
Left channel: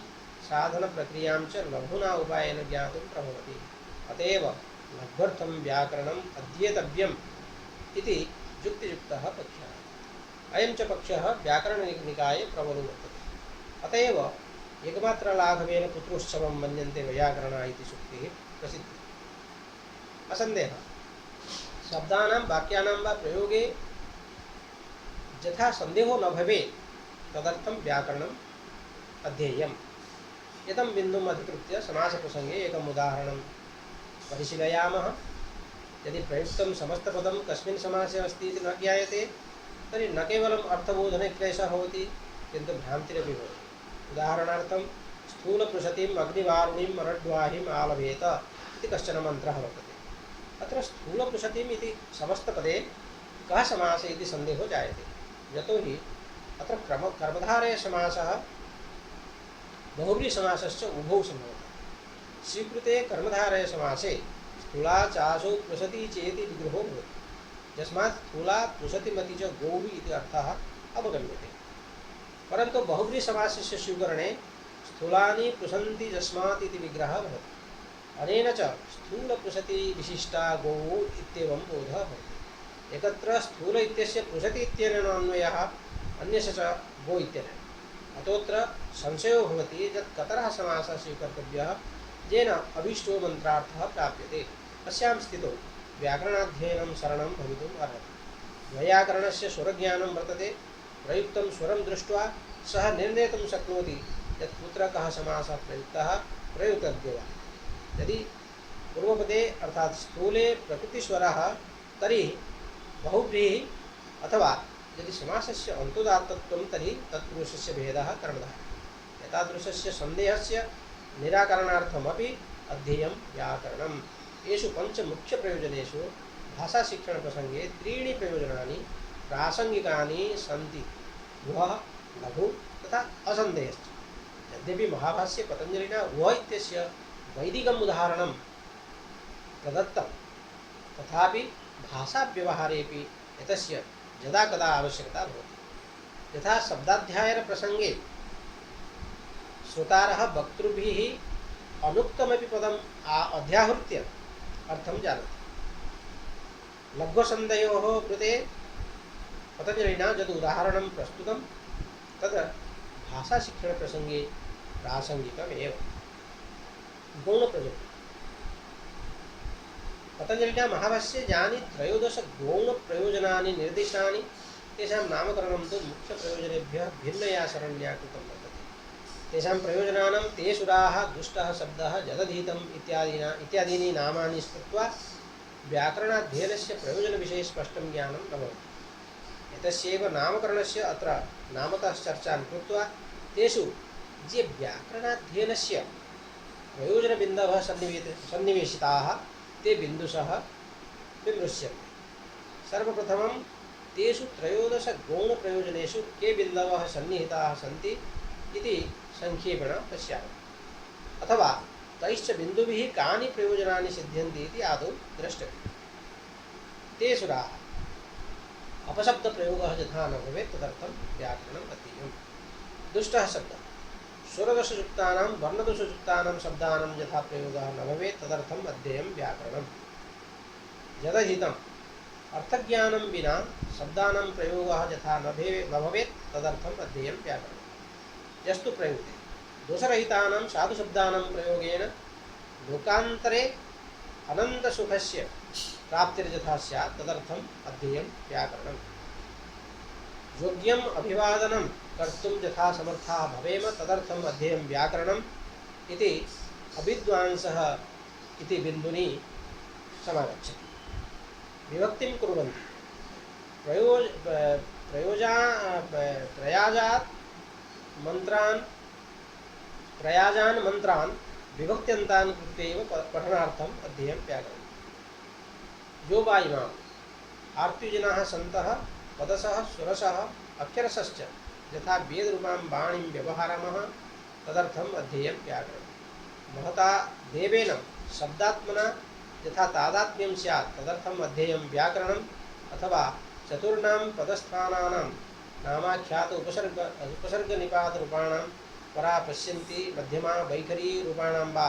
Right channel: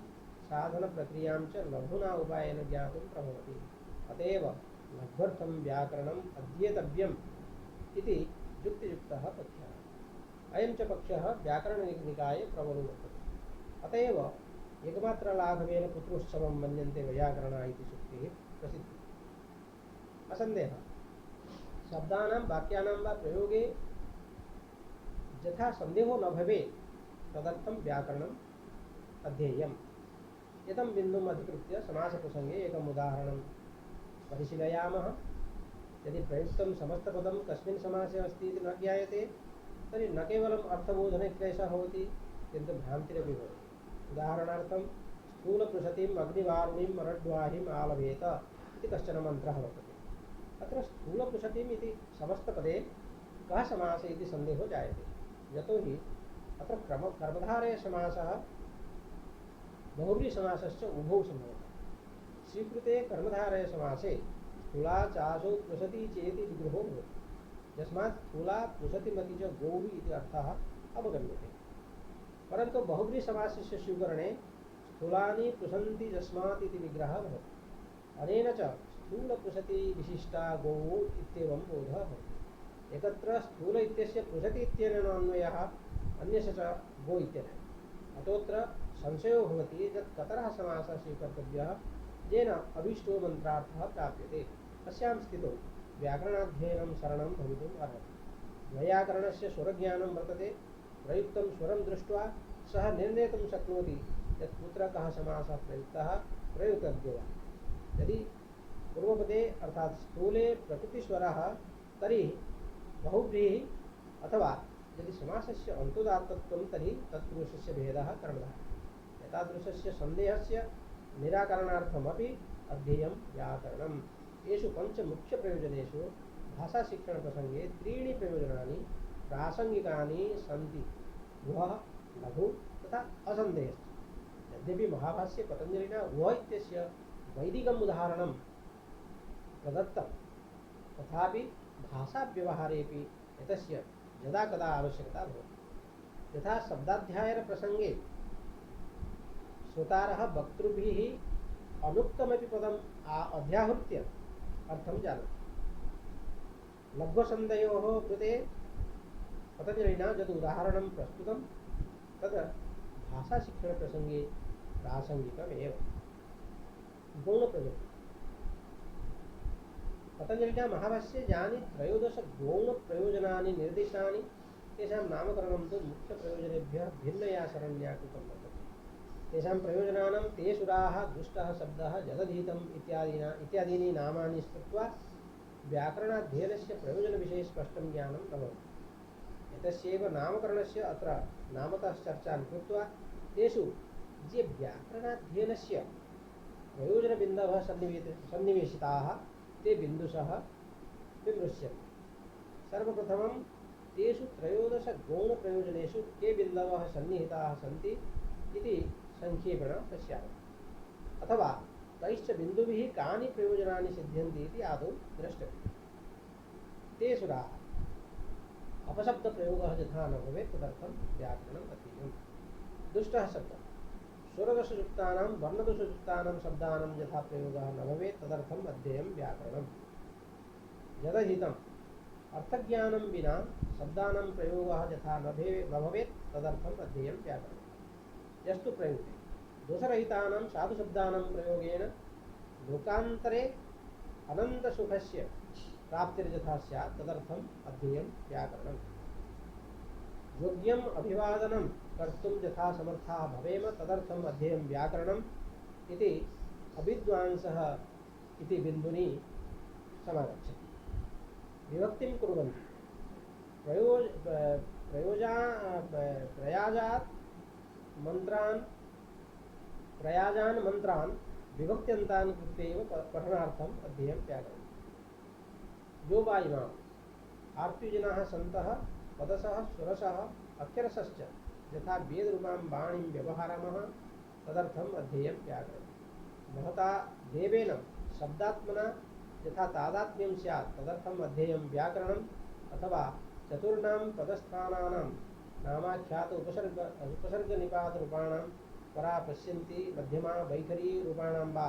साधनप्रक्रियां च लघुना उपायेन ज्ञातुं प्रभवति। अतएव लघ्वर्थं व्याकरणम् अध्येतव्यम् इति युक्तियुक्तः पक्षः। अयं च पक्षः व्याकरणनिकाये प्रबलो वर्तते। अतएव एकमात्रलाघवेन पुत्रोत्सवं मन्यन्ते वैयाकरणा इति सूक्तिः प्रसिद्धा। असन्देहः शब्दानां वाक्यानां वा प्रयोगे यथा सन्देहो न भवेत् तदर्थं व्याकरणम् अध्येयम्। एतं बिन्दुम् अधिकृत्य समासप्रसङ्गे एकम् उदाहरणं परिशीलयामः। यदि प्रयुक्तं समस्तपदं कस्मिन् समासे अस्ति इति न ज्ञायते तर्हि न केवलम् अर्थबोधने क्लेशः भवति किन्तु भ्रान्तिरपि भवति। उदाहरणार्थं स्थूलपृषतीम् अग्निवारुणीं मरड्वाहिम् आलभेत इति कश्चन मन्त्रः वर्तते। अत्र स्थूलपृषतीम् इति समस्तपदे कः समासः इति सन्देहो जायते, यतोहि अत्र कर्मधारयसमासः बहुव्रीहिसमासश्च उभौ सम्भवति। स्वीकृते कर्मधारयसमासे स्थूला चासौ पृषती चेति विग्रहो भवति, यस्मात् स्थूला पृषतिमति च गौः इति अर्थः अवगम्यते। परन्तु बहुव्रीहिसमासस्य स्वीकरणे स्थूलानि पृषन्ति यस्मात् इति विग्रहः भवति। अनेन च स्थूलपृषति विशिष्टा गौः इत्येवं बोधः भवति। एकत्र स्थूल इत्यस्य पृषति इत्यनेन अन्वयः, अन्यस्य च गो इत्यनेन। अतोऽत्र संशयो भवति यत् कतरः समासः स्वीकर्तव्यः येन अभीष्टो मन्त्रार्थः प्राप्यते। अस्यां स्थितौ व्याकरणाध्ययनं शरणं भवितुम् अर्हति। वैयाकरणस्य स्वरज्ञानं वर्तते। प्रयुक्तं स्वरं दृष्ट्वा सः निर्णेतुं शक्नोति यत् कुत्र कः समासः प्रयुक्तः प्रयुक्तव्यो वा। यदि पूर्वपदे अर्थात् स्थूले प्रकृतिस्वरः तर्हि बहुव्रीहि, अथवा यदि समासस्य अन्तोदात्तत्वं तर्हि तत्पुरुषस्य भेदः कर्मधारः। एतादृशस्य सन्देहस्य निराकरणार्थमपि अध्येयं व्याकरणम्। येषु पञ्चमुख्यप्रयोजनेषु भाषाशिक्षणप्रसङ्गे त्रीणि प्रयोजनानि प्रासङ्गिकानि सन्ति: वः, लघु तथा असन्देहश्च। यद्यपि महाभाष्ये पतञ्जलिना वः इत्यस्य वैदिकम् उदाहरणं प्रदत्तं, तथापि भाषाव्यवहारेपि एतस्य यदा कदा आवश्यकता भवति। यथा शब्दाध्यायनप्रसङ्गे श्रोतारः वक्तृभिः अनुक्तमपि पदम् अध्याहृत्य अर्थं जानति। लघ्वसन्धयोः कृते पतञ्जलिना यद् उदाहरणं प्रस्तुतं तद् भाषाशिक्षणप्रसङ्गे प्रासङ्गिकमेव। गौणप्रयोजनं पतञ्जलिना महाभाष्ये यानि 13 गौणप्रयोजनानि निर्दिष्टानि तेषां नामकरणं तु मुख्यप्रयोजनेभ्यः भिन्नया सरण्या कृतं वर्तते। तेषां प्रयोजनानां ते सुराः, दुष्टः शब्दः, जदधीतम् इत्यादीनि नामानि स्मृत्वा व्याकरणाध्ययनस्य प्रयोजनविषये स्पष्टं ज्ञानं न भवति। एतस्यैव नामकरणस्य अत्र नामतः चर्चां कृत्वा तेषु ये व्याकरणाध्ययनस्य प्रयोजनबिन्दवः सन्निवेशिताः ते बिन्दुशः विमृश्यन्ते। सर्वप्रथमं तेषु त्रयोदशगौणप्रयोजनेषु के बिन्दवः सन्निहिताः सन्ति इति संक्षेपेण पश्यामः। अथवा तैश्च बिन्दुभिः कानि प्रयोजनानि सिद्ध्यन्ति इति आदौ द्रष्टव्यम्। ते सुराः अपशब्दप्रयोगः यथा न भवेत् तदर्थं व्याकरणम् अध्येयम्। दुष्टः शब्दः स्वरदोषयुक्तानां वर्णदोषयुक्तानां शब्दानां यथा प्रयोगः न भवेत् तदर्थम् अध्येयं व्याकरणम्। यदहितम् अर्थज्ञानं विना शब्दानां प्रयोगः यथा न भवेत् तदर्थम् अध्येयं व्याकरणम्। यस्तु प्रयुक्ते दोषरहितानां साधुशब्दानां प्रयोगेन लोकान्तरे अनन्तसुखस्य प्राप्तिर्यथा स्यात् तदर्थम् अध्येयं व्याकरणम्। योग्यम् अभिवादनं कर्तुं यथा समर्थाः भवेम तदर्थम् अध्येयं व्याकरणम् इति अविद्वांसः इति बिन्दुनि समागच्छति। विभक्तिं कुर्वन्ति प्रयाजान् मन्त्रान् विभक्त्यन्तान् कृत्वा एव पठनार्थम् अध्येयं व्याकरणम्। यो वा इमाम् आर्त्युजनाः सन्तः पदशः स्वरशः अक्षरशश्च यथा वेदरूपां वाणीं व्यवहारामः तदर्थम् अध्येयं व्याकरणम्। महता देवेन शब्दात्मना यथा तादात्म्यं स्यात् तदर्थम् अध्येयं व्याकरणम्। अथवा चतुर्णां पदस्थानानां नामाख्यात उपसर्गनिपातरूपाणां परा पश्यन्ति मध्यमा वैखरी रूपाणां वा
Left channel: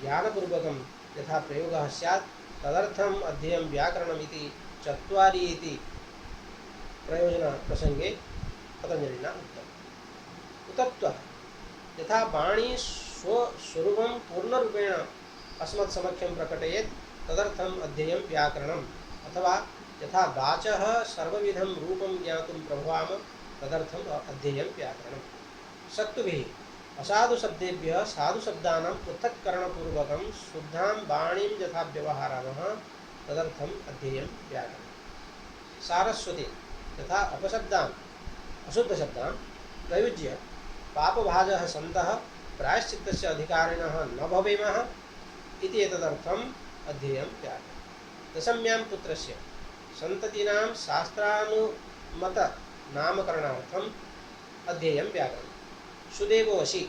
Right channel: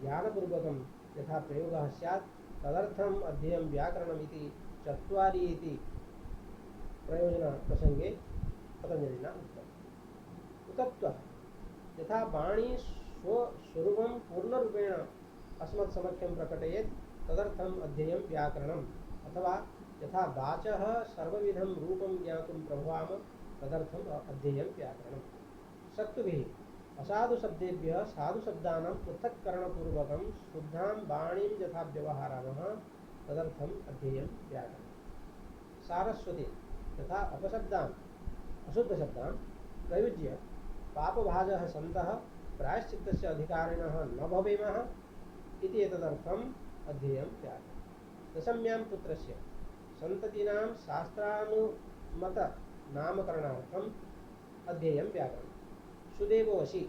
ज्ञानपूर्वकं यथा प्रयोगः स्यात् तदर्थम् अध्येयं व्याकरणम् इति चत्वारि इति प्रयोजनप्रसङ्गे पतञ्जलिना उक्तम्। उतत्वः यथा वाणी स्वस्वरूपं पूर्णरूपेण अस्मत्समक्षं प्रकटयेत् तदर्थम् अध्येयं व्याकरणम्। अथवा यथा वाचः सर्वविधं रूपं ज्ञातुं प्रभवाम तदर्थम् अध्येयं व्याकरणम्। शक्तुभिः असाधुशब्देभ्यः साधुशब्दानां पृथक्करणपूर्वकं शुद्धां वाणीं यथा व्यवहारामः तदर्थम् अध्येयं व्याकरणम्। सारस्वते यथा अपशब्दान् अशुद्धशब्दान् प्रयुज्य पापभाजः सन्तः प्रायश्चित्तस्य अधिकारिणः न भवेमः इति एतदर्थम् अध्येयं व्याकरणम्। दशम्यां पुत्रस्य सन्ततीनां शास्त्रानुमतनामकरणार्थम् अध्येयं व्याकरणम्। सुदेवोऽसि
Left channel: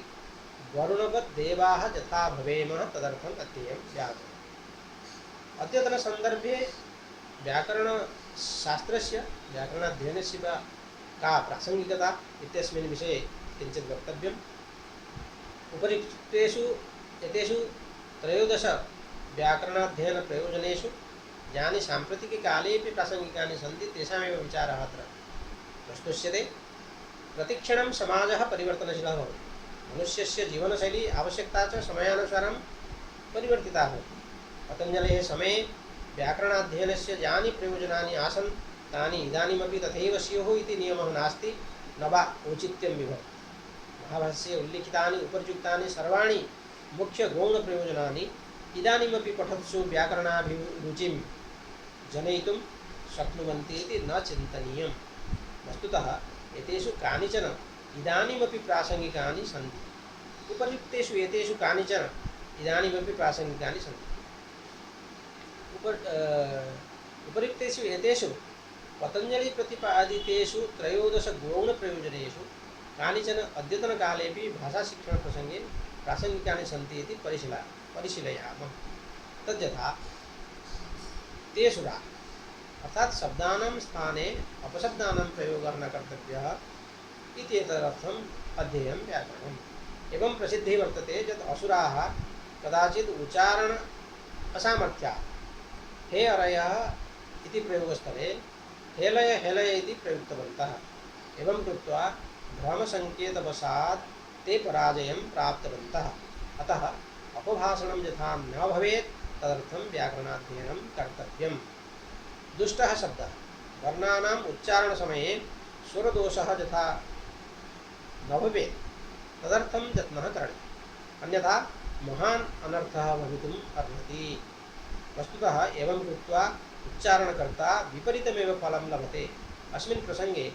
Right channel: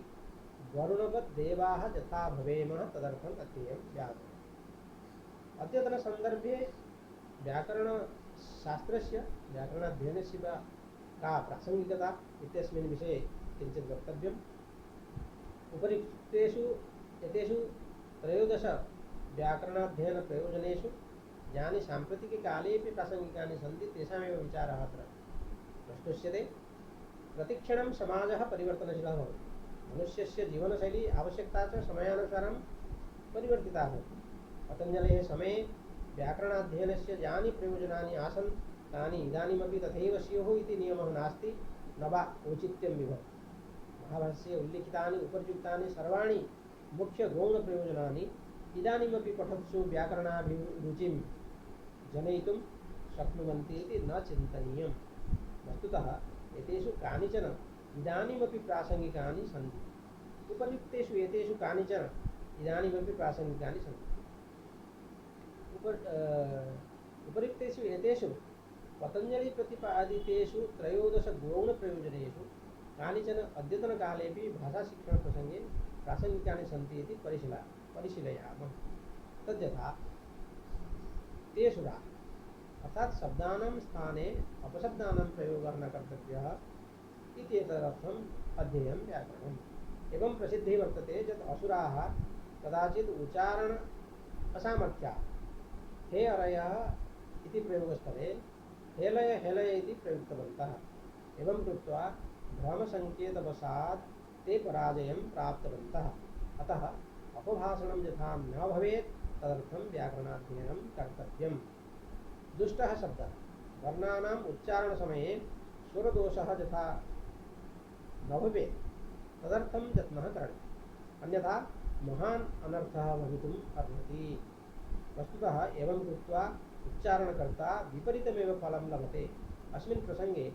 वरुणवत् देवाः यथा भवेमः तदर्थम् अध्येयं व्याकरणम्। अद्यतनसन्दर्भे व्याकरणशास्त्रस्य व्याकरणाध्ययनस्य का प्रासङ्गिकता इत्यस्मिन् विषये किञ्चित् वक्तव्यम्। उपरिक्तेषु एतेषु त्रयोदश व्याकरणाध्ययनप्रयोजनेषु यानि साम्प्रतिककालेऽपि प्रासङ्गिकानि सन्ति तेषामेव विचारः अत्र प्रस्तुष्यते। प्रतिक्षणं समाजः परिवर्तनशीलः भवति। मनुष्यस्य जीवनशैली आवश्यकता च समयानुसारं परिवर्तिता भवति। पतञ्जलेः समये व्याकरणाध्ययनस्य यानि प्रयोजनानि आसन् तानि इदानीमपि तथैव स्युः इति नियमः नास्ति न वा औचित्यं विभवति। महाभाष्ये उल्लिखितानि उपरियुक्तानि सर्वाणि मुख्यगौणप्रयोजनानि इदानीमपि पठत्सु व्याकरणाभिरुचिं जनयितुं शक्नुवन्ति इति न चिन्तनीयम्। वस्तुतः एतेषु कानिचन इदानीमपि प्रासङ्गिकानि सन्ति। उपयुक्तेषु एतेषु कानिचन इदानीमपि प्रासङ्गिकानि सन्ति। उपयुक्तेषु एतेषु पतञ्जलिप्रतिपादितेषु त्रयोदशगौणप्रयोजनेषु कानिचन अद्यतनकालेऽपि भाषाशिक्षणप्रसङ्गे प्रासङ्गिकानि सन्ति इति परिशीलयामः। तद्यथा तेषुरा अर्थात शब्दानां स्थाने अपशब्दानां प्रयोगः न कर्तव्यः इति एतदर्थम् अध्येयं व्याकरणम्। एवं प्रसिद्धिः वर्तते यत् असुराः कदाचित् उच्चारण असामर्थ्यात् हे अरयः इति प्रयोगस्थले हेलय हेलय इति प्रयुक्तवन्तः। एवं कृत्वा भ्रमसङ्केतवशात् ते पराजयं प्राप्तवन्तः। अतः अपभाषणं यथा न भवेत् तदर्थं व्याकरणाध्ययनं कर्तव्यम्। दुष्टः शब्दः वर्णानाम् उच्चारणसमये स्वरदोषः यथा न भवेत् तदर्थं यत्नः करणीयः, अन्यथा महान् अनर्थः भवितुम् अर्हति। वस्तुतः एवं कृत्वा उच्चारणकर्ता विपरीतमेव फलं लभते। अस्मिन् प्रसंगे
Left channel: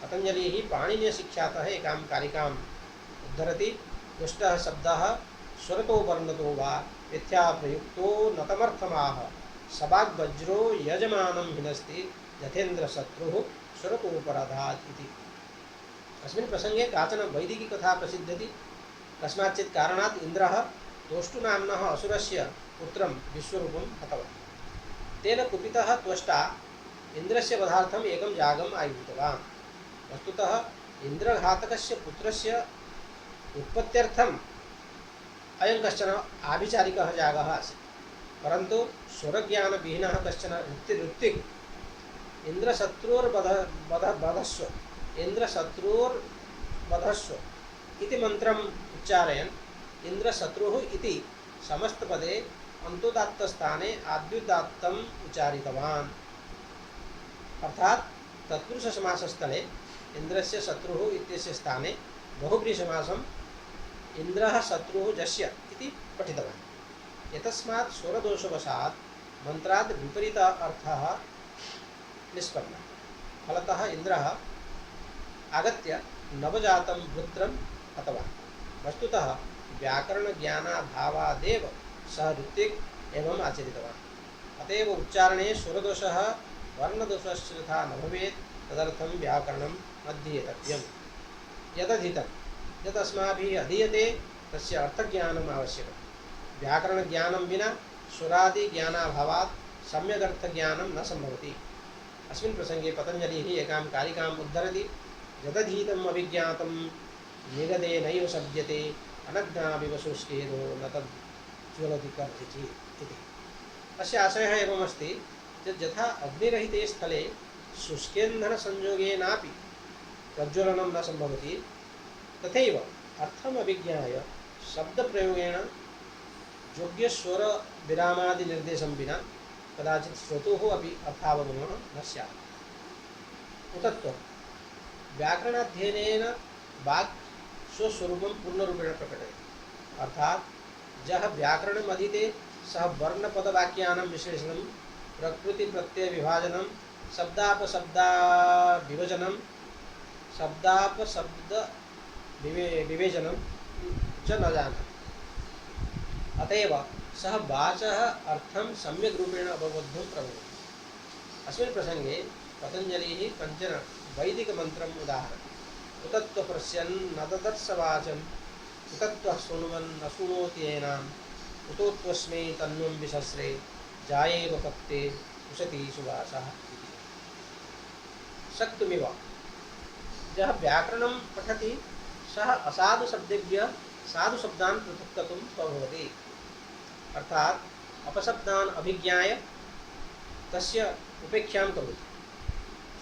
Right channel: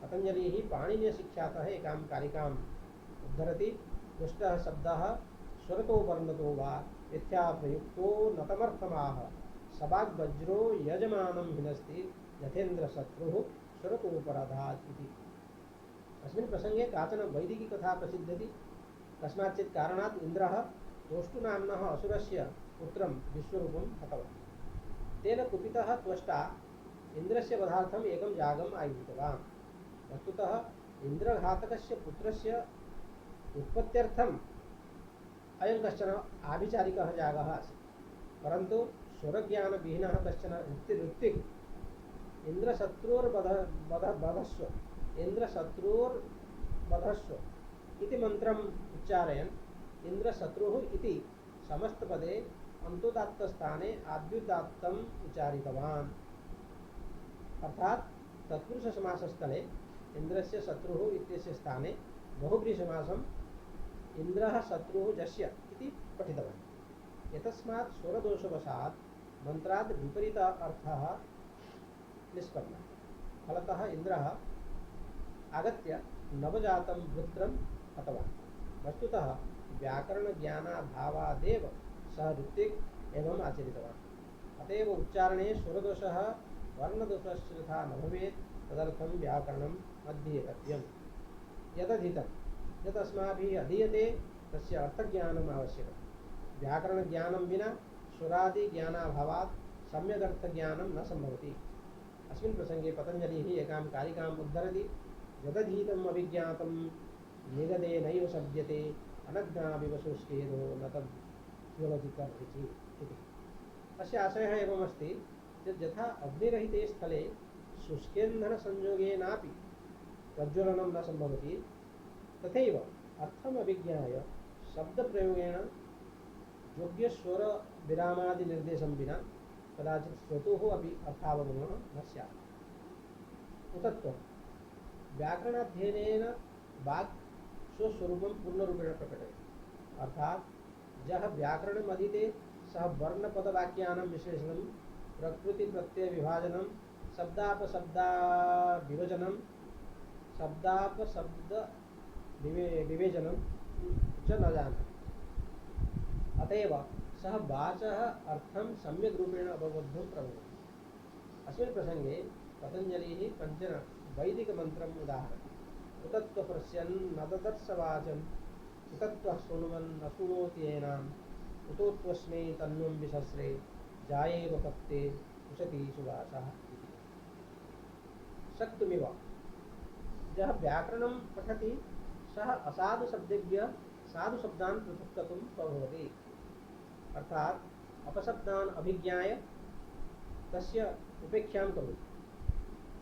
पतञ्जलिः पाणिनीयशिक्षातः एकां कारिकाम् उद्धरति। दुष्टः शब्दः स्वरतो वर्णतो वा मिथ्या प्रयुक्तो नतमर्थमाह सवाग्वज्रो यजमानं हिनस्ति यथेन्द्रशत्रुः स्वरतोपराधात् इति। अस्मिन् प्रसंगे काचन वैदिकी कथा प्रसिद्ध्यति। कस्माच्चित् कारणात् इन्द्रः तोष्टुनाम्नः असुरस्य पुत्रं विश्वरूपं हतवान्। तेन कुपितः त्वष्टा इन्द्रस्य वधार्थम् एकं यागम् आयोजितवान्। वस्तुतः इन्द्रघातकस्य पुत्रस्य उत्पत्त्यर्थम् अयं कश्चन आभिचारिकः यागः आसीत्। परन्तु स्वरज्ञानविहीनः कश्चन ऋत्विक् इन्द्रशत्रुर्वधस्व इति मन्त्रम् उच्चारयन् इन्द्रशत्रुः इति समस्तपदे अन्तोदात्तस्थाने आद्युदात्तम् उच्चारितवान्। अर्थात् तत्पुरुषसमासस्थले इन्द्रस्य शत्रुः इत्यस्य स्थाने बहुव्रीहिसमासम् इन्द्रः शत्रुः जस्य इति पठितवान्। एतस्मात् स्वरदोषवशात् मन्त्राद् विपरीत अर्थः निष्पन्नः। फलतः इन्द्रः आगत्य नवजातं वृत्रं हतवान्। वस्तुतः व्याकरणज्ञानाभावादेव सः ऋत्विक् एवम् आचरितवान्। अतएव उच्चारणे स्वरदोषः वर्णदोषस्य तथा न भवेत्। तदर्थं व्याकरणम् अध्येतव्यम्। यदधीतं यत् अस्माभिः अधीयते तस्य अर्थज्ञानम् आवश्यकम्। व्याकरणज्ञानं विना स्वरादिज्ञानाभावात् सम्यगर्थज्ञानं न सम्भवति। अस्मिन् प्रसंगे पतञ्जलिः एकां कारिकाम् उद्धरति। यदधीतम् अभिज्ञातं निगदे नैव सज्जते अनज्ञाविव शुष्केदो न तज्ज्वलति कर्हिचित् इति। अस्य आशयः एवमस्ति यत् यथा अग्निरहिते स्थले शुष्केन्धनसंयोगेनापि प्रज्वलनं न सम्भवति, तथैव अर्थम् अभिज्ञाय शब्दप्रयोगेण योग्यस्वरविरामादिनिर्देशं विना कदाचित् श्रोतोः अपि अर्थावगमः न स्यात्। उतत्वं व्याकरणाध्ययनेन वाक् स्वस्वरूपं पूर्णरूपेण प्रकटयति। अर्थात् यः व्याकरणम् अधीते सः वर्णपदवाक्यानां विश्लेषणं, प्रकृतिप्रत्ययविभाजनं, शब्दापशब्दविभजनं, शब्दापशब्दविवेचनं च न जानाति। अतएव सः वाचः अर्थं सम्यक् रूपेण अवबोद्धुं प्रभवति। अस्मिन् प्रसंगे पतञ्जलिः कञ्चन वैदिकमन्त्रम् उदाहरति। उतत्वपश्यन् न ददर्श वाचं उतत्वः शृण्वन् न शृणोति येनाम् उतोत्वस्मै तन्नुं विसस्रे जायेव पत्ते उशती सुवासः इति। शक्तुमिव यः व्याकरणं पठति सः असाधुशब्देभ्यः साधुशब्दान् पृथक्कर्तुं स्वभवति। अर्थात् अपशब्दान् अभिज्ञाय तस्य उपेक्षां करोति,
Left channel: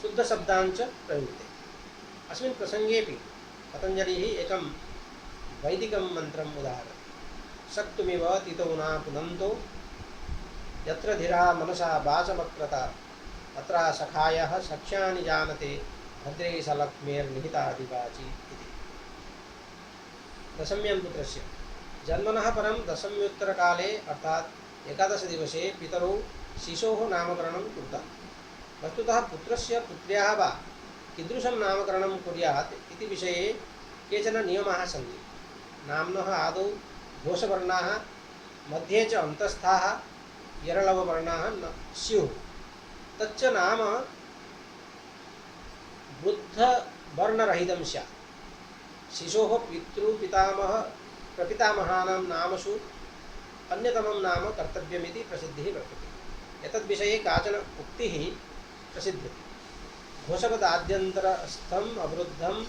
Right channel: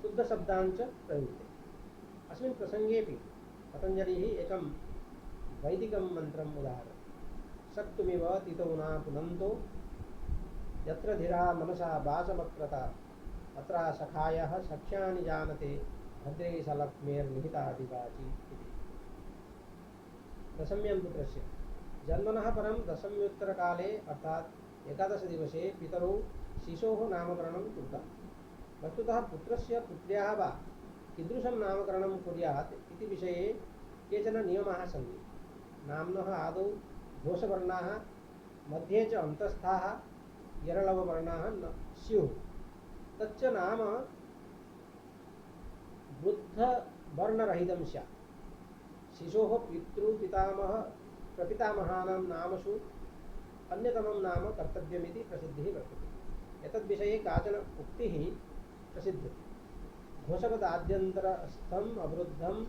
शुद्धशब्दान् च प्रयुङ्क्ते। अस्मिन् प्रसङ्गेऽपि पतञ्जलिः एकं वैदिकं मन्त्रम् उदाहरति। शक्तुमिव तितौ न पुनन्तो यत्र धीरा मनसा वाचमक्रता तत्र सखायः सख्यानि जानते भद्रे सलक्ष्मेर्निहितादिवाची इति। दशम्यां पुत्रस्य जन्मनः परं दशम्योत्तरकाले अर्थात् एकादशदिवसे पितरौ शिशोः नामकरणं कृतं। वस्तुतः पुत्रस्य पुत्र्याः वा कीदृशं नामकरणं कुर्यात् इति विषये केचन नियमाः सन्ति। नाम्नः आदौ घोषवर्णाः, मध्ये च अन्तस्थाः यरलववर्णाः न स्युः। तच्च नाम वृद्धवर्णरहितं स्यात्। शिशोः पितृपितामह प्रपितामहानां नामसु अन्यतमं नाम कर्तव्यमिति प्रसिद्धिः वर्तते। एतद्विषये काचन उक्तिः प्रसिद्ध्यति। घोषपदाद्यन्तरस्थम् अवरुद्धं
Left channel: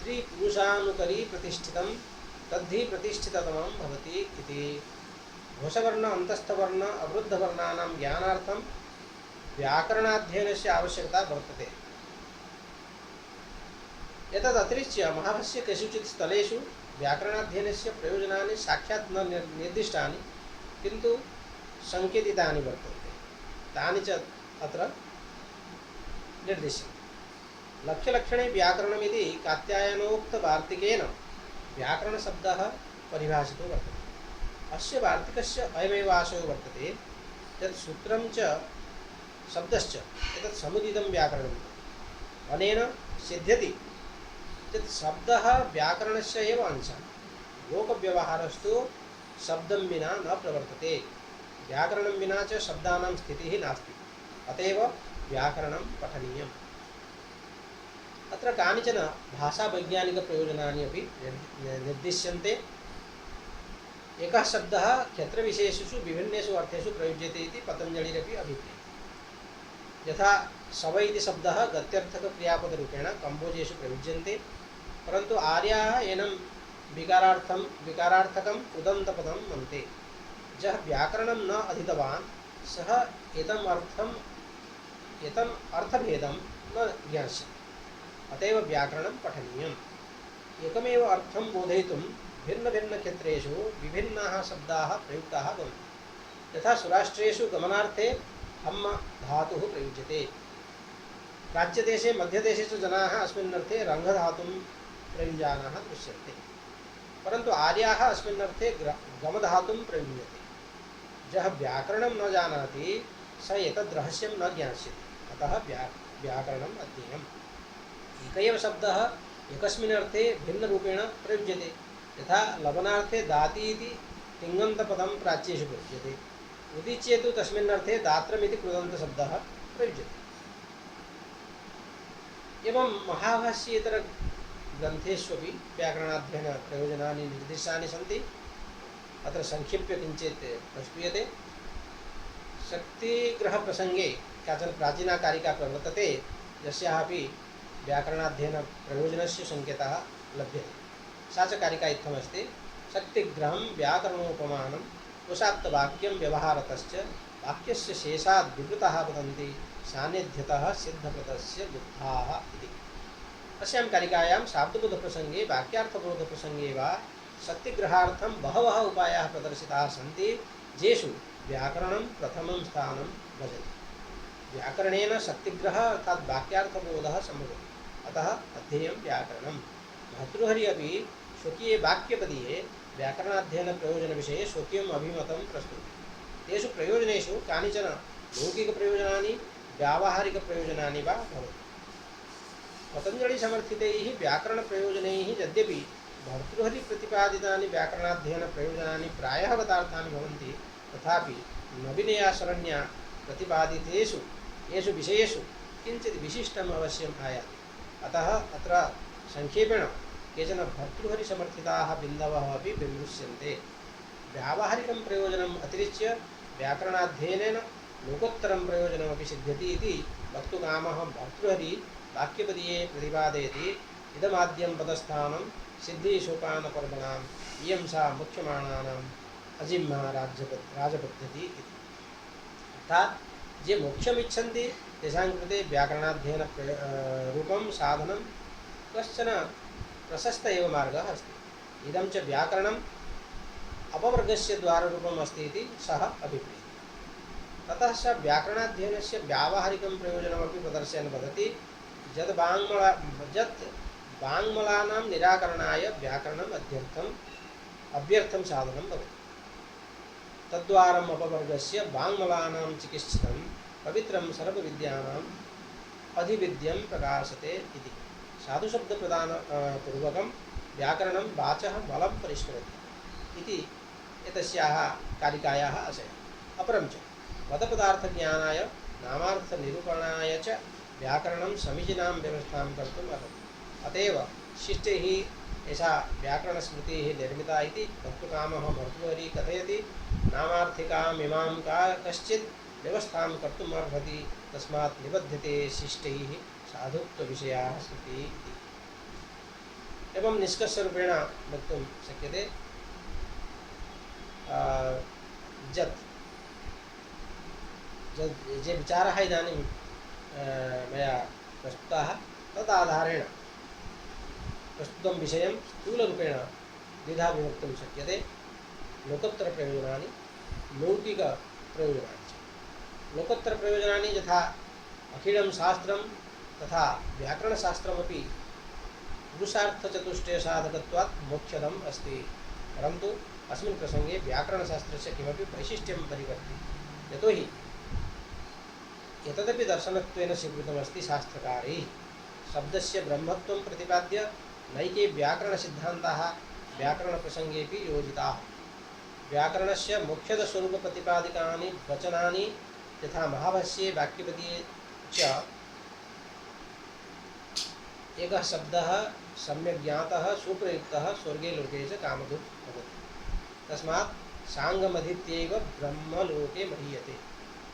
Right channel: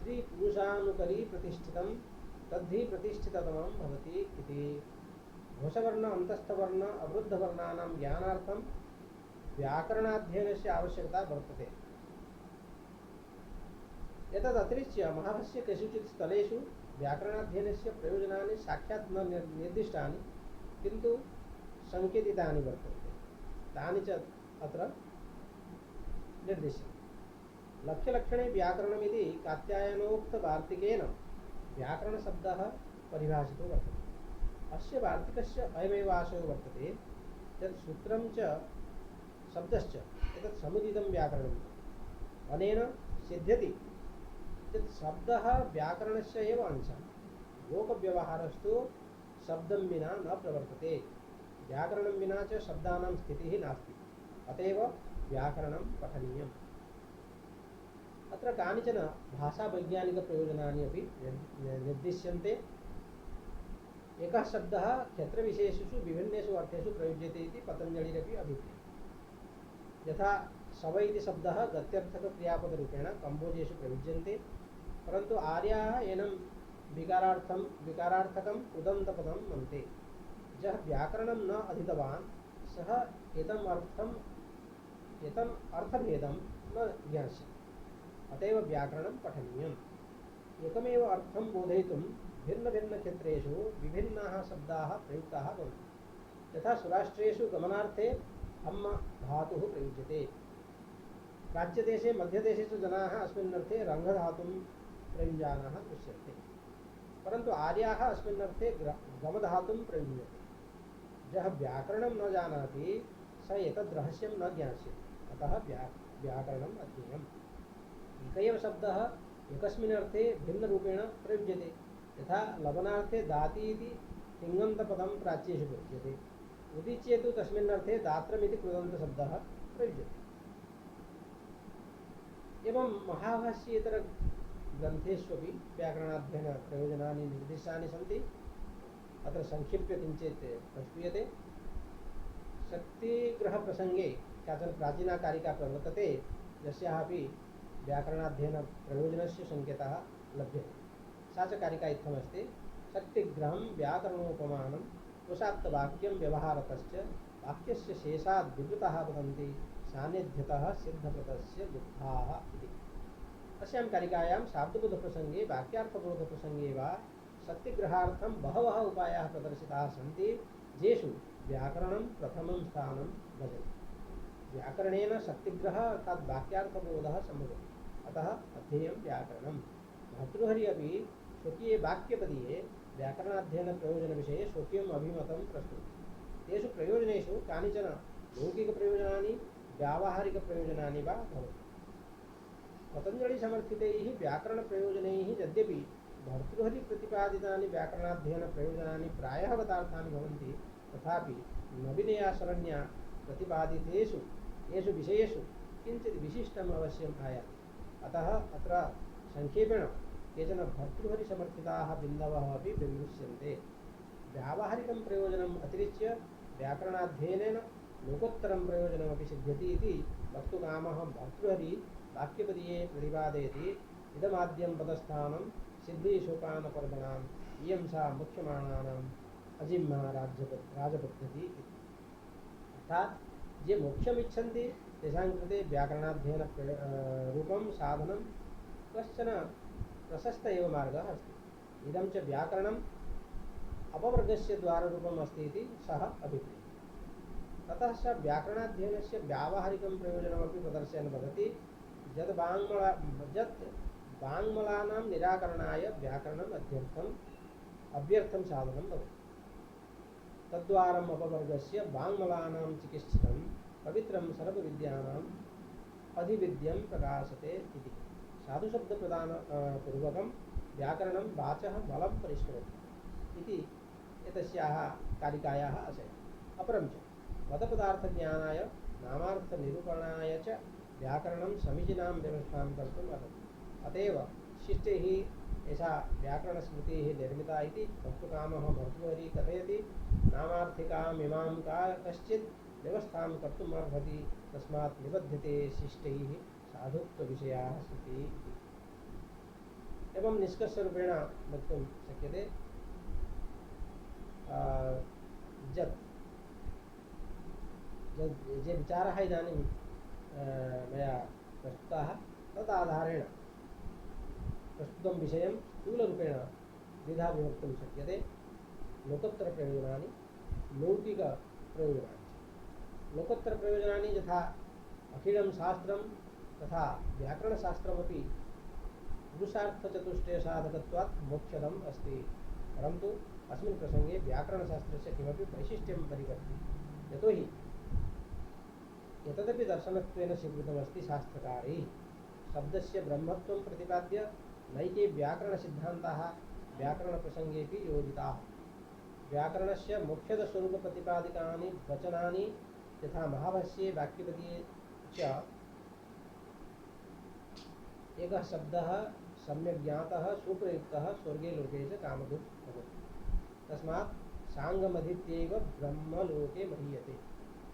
त्रिपुरुषानुकरी प्रतिष्ठितं तद्धि प्रतिष्ठिततमं भवति इति। घोषवर्ण अन्तस्थवर्ण अवरुद्धवर्णानां ज्ञानार्थं व्याकरणाध्ययनस्य आवश्यकता वर्तते। एतदतिरिच्य महाभाष्ये केषुचित् स्थलेषु व्याकरणाध्ययनस्य प्रयोजनानि साक्षात् न निर्दिष्टानि किन्तु सङ्केतितानि वर्तन्ते। तानि च अत्र निर्दिश्यन्ते। लक्ष्यलक्षणे व्याकरणमिति कात्यायनोक्तवार्तिकेन व्याकरणशब्दः परिभाषितो वर्तते। अस्य वार्तिकस्य अयमेव आशयो वर्तते यत् सूत्रं च शब्दश्च एतत् समुदितं व्याकरणम् अनेन सिद्ध्यति यत् शब्दः व्याकरणस्य एव अंशः लोकव्यवहारस्तु शब्दं विना न प्रवर्तते व्याकरणं विना च शब्दानां स्थितिः नास्ति अतएव व्याकरणं पठनीयम् अत्र कानिचन भाषावैज्ञानिकप्रयोजनानि अपि निर्दिश्यन्ते एकः शब्दः क्षेत्रविशेषेषु विभिन्नेषु अर्थेषु प्रयुज्यते इति पतञ्जलिरपि अभिप्रेयः यथा शव इति शब्दः गत्यर्थकक्रियापदरूपेण कम्बोजेषु प्रयुज्यन्ते परन्तु आर्याः एनं विकारार्थकम् उदन्तपदं मन्ते यः व्याकरणं न अधीतवान् सः एतम् अर्थभेदं न ज्ञास्यति अतएव व्याकरणं पठनीयम् एकमेव अर्थं बोधयितुं भिन्नभिन्नक्षेत्रेषु विभिन्नाः शब्दाः प्रयुक्ताः भवन्ति यथा सुराष्ट्रेषु गमनार्थे हम्म धातुः प्रयुज्यते राज्यदेशे मध्यदेशे च जनाः अस्मिन् अर्थे रङ्गधातुं प्रयुञ्जानाः दृश्यन्ते परन्तु आर्याः अस्मिन् अर्थे गमधातुं प्रयुञ्जते यः व्याकरणं न जानाति स एतद् रहस्यं न ज्ञास्यति अतः व्याकरणम् अध्येयम् एक एव शब्दः एकस्मिन् अर्थे भिन्नरूपेण प्रयुज्यते यथा लवनार्थे दाति इति तिङन्तपदं प्राच्येषु प्रयुज्यते उदीच्ये तु तस्मिन् अर्थे दात्रमिति कृदन्तशब्दः प्रयुज्यते एवं महाभाष्येतरग्रन्थेष्वपि व्याकरणाध्ययनप्रयोजनानि निर्दिष्टानि सन्ति अत्र संक्षिप्य किञ्चित् प्रस्तूयते शक्तिग्रहप्रसङ्गे काचन प्राचीना कारिका प्रवर्तते यस्याः अपि व्याकरणाध्ययनप्रयोजनस्य सङ्केतः लभ्यते सा च कारिका इत्थमस्ति शक्तिग्रहं व्याकरणोपमानं उषात्तवाक्यं व्यवहारतश्च वाक्यस्य शेषाद् विवृताः वदन्ति सान्निध्यतः सिद्धप्रदस्य बुद्धाः इति अस्यां कारिकायां शाब्दबोधप्रसङ्गे वाक्यार्थबोधप्रसङ्गे वा शक्तिग्रहार्थं बहवः उपायाः प्रदर्शिताः सन्ति येषु व्याकरणं प्रथमं स्थानं भजति व्याकरणेन शक्तिग्रह अर्थात् वाक्यार्थबोधः सम्भवति अतः अध्येयं व्याकरणं भर्तृहरि अपि स्वकीये वाक्यपदीये व्याकरणाध्ययनप्रयोजनविषये स्वकीयम् अभिमतं प्रस्तुति तेषु प्रयोजनेषु कानिचन लौकिकप्रयोजनानि व्यावहारिकप्रयोजनानि वा भवन्ति पतञ्जलिसमर्थितैः व्याकरणप्रयोजनैः यद्यपि भर्तृहरिप्रतिपादितानि व्याकरणाध्ययनप्रयोजनानि प्रायः गतार्थानि भवन्ति तथापि नवीनया शरण्या प्रतिपादितेषु येषु विषयेषु किञ्चित् विशिष्टम् अवश्यम् आयाति अतः अत्र संक्षेपेण केचन भर्तृहरिसमर्थिताः बिन्दवः अपि विमृश्यन्ते व्यावहारिकं प्रयोजनम् अतिरिच्य व्याकरणाध्ययनेन लोकोत्तरं प्रयोजनमपि सिद्ध्यति इति वक्तुकामः भर्तृहरि वाक्यपदीये प्रतिपादयति इदमाद्यं पदस्थानं सिद्धिसोपानपर्वणाम् इयं सा मुख्यमाणानाम् अजिह्मा राजपद्धति इति अर्थात् ये मोक्षमिच्छन्ति तेषां कृते व्याकरणाध्ययन रूपं साधनं कश्चन प्रशस्त एव मार्गः अस्ति इदं च व्याकरणम् अपवर्गस्य द्वाररूपम् अस्ति इति सः अभिप्रेयः ततः स व्याकरणाध्ययनस्य व्यावहारिकं प्रयोजनमपि प्रदर्शयन् वदति यत् वाङ्मलानां निराकरणाय व्याकरणम् अव्यर्थं साधनं भवति तद्वारम् अपवर्गस्य वाङ्मलानां चिकित्सितं पवित्रं सर्वविद्यानाम् अधिविद्यं प्रकाशते इति साधुशब्दप्रदानपूर्वकं व्याकरणं वाचः बलं परिष्करोति इति एतस्याः कारिकायाः आशयः अपरं च पदपदार्थज्ञानाय नामार्थनिरूपणाय च व्याकरणं समीचीनां व्यवस्थां कर्तुम् अर्हति अतएव शिष्टैः एषा व्याकरणस्मृतिः निर्मिता इति वक्तुकामः भर्तृहरिः कथयति नामार्थिकामिमां कश्चित् व्यवस्थां कर्तुम् अर्हति तस्मात् निबध्यते शिष्टैः साधुत्वविषयाः स्मृतिः इति एवं निष्कर्षरूपेण वक्तुं शक्यते ये विचाराः इदानीं मया प्रस्तुताः तदाधारेण प्रस्तुतं विषयं स्थूलरूपेण द्विधा विभक्तुं शक्यते लोकोत्तरप्रयोजनानि लौकिकप्रयोजनानि च लोकोत्तरप्रयोजनानि यथा अखिलं शास्त्रं तथा व्याकरणशास्त्रमपि पुरुषार्थचतुष्टयसाधकत्वात् मोक्षदम् अस्ति परन्तु अस्मिन् प्रसङ्गे व्याकरणशास्त्रस्य किमपि वैशिष्ट्यं परिवर्ति यतोहि एतदपि दर्शनत्वेन स्वीकृतमस्ति शास्त्रकारैः। शब्दस्य ब्रह्मत्वं प्रतिपाद्य नैके व्याकरणसिद्धान्ताः व्याकरणप्रसङ्गेऽपि योजिताः। व्याकरणस्य मुख्यतःस्वरूपप्रतिपादिकानि वचनानि यथा महाभाष्ये वाक्यपदीये च एकः शब्दः सम्यक् ज्ञातः सुप्रयुक्तः स्वर्गे लोके च कामधुक् भवति। तस्मात् साङ्गमधीत्यैव ब्रह्मलोके महीयते।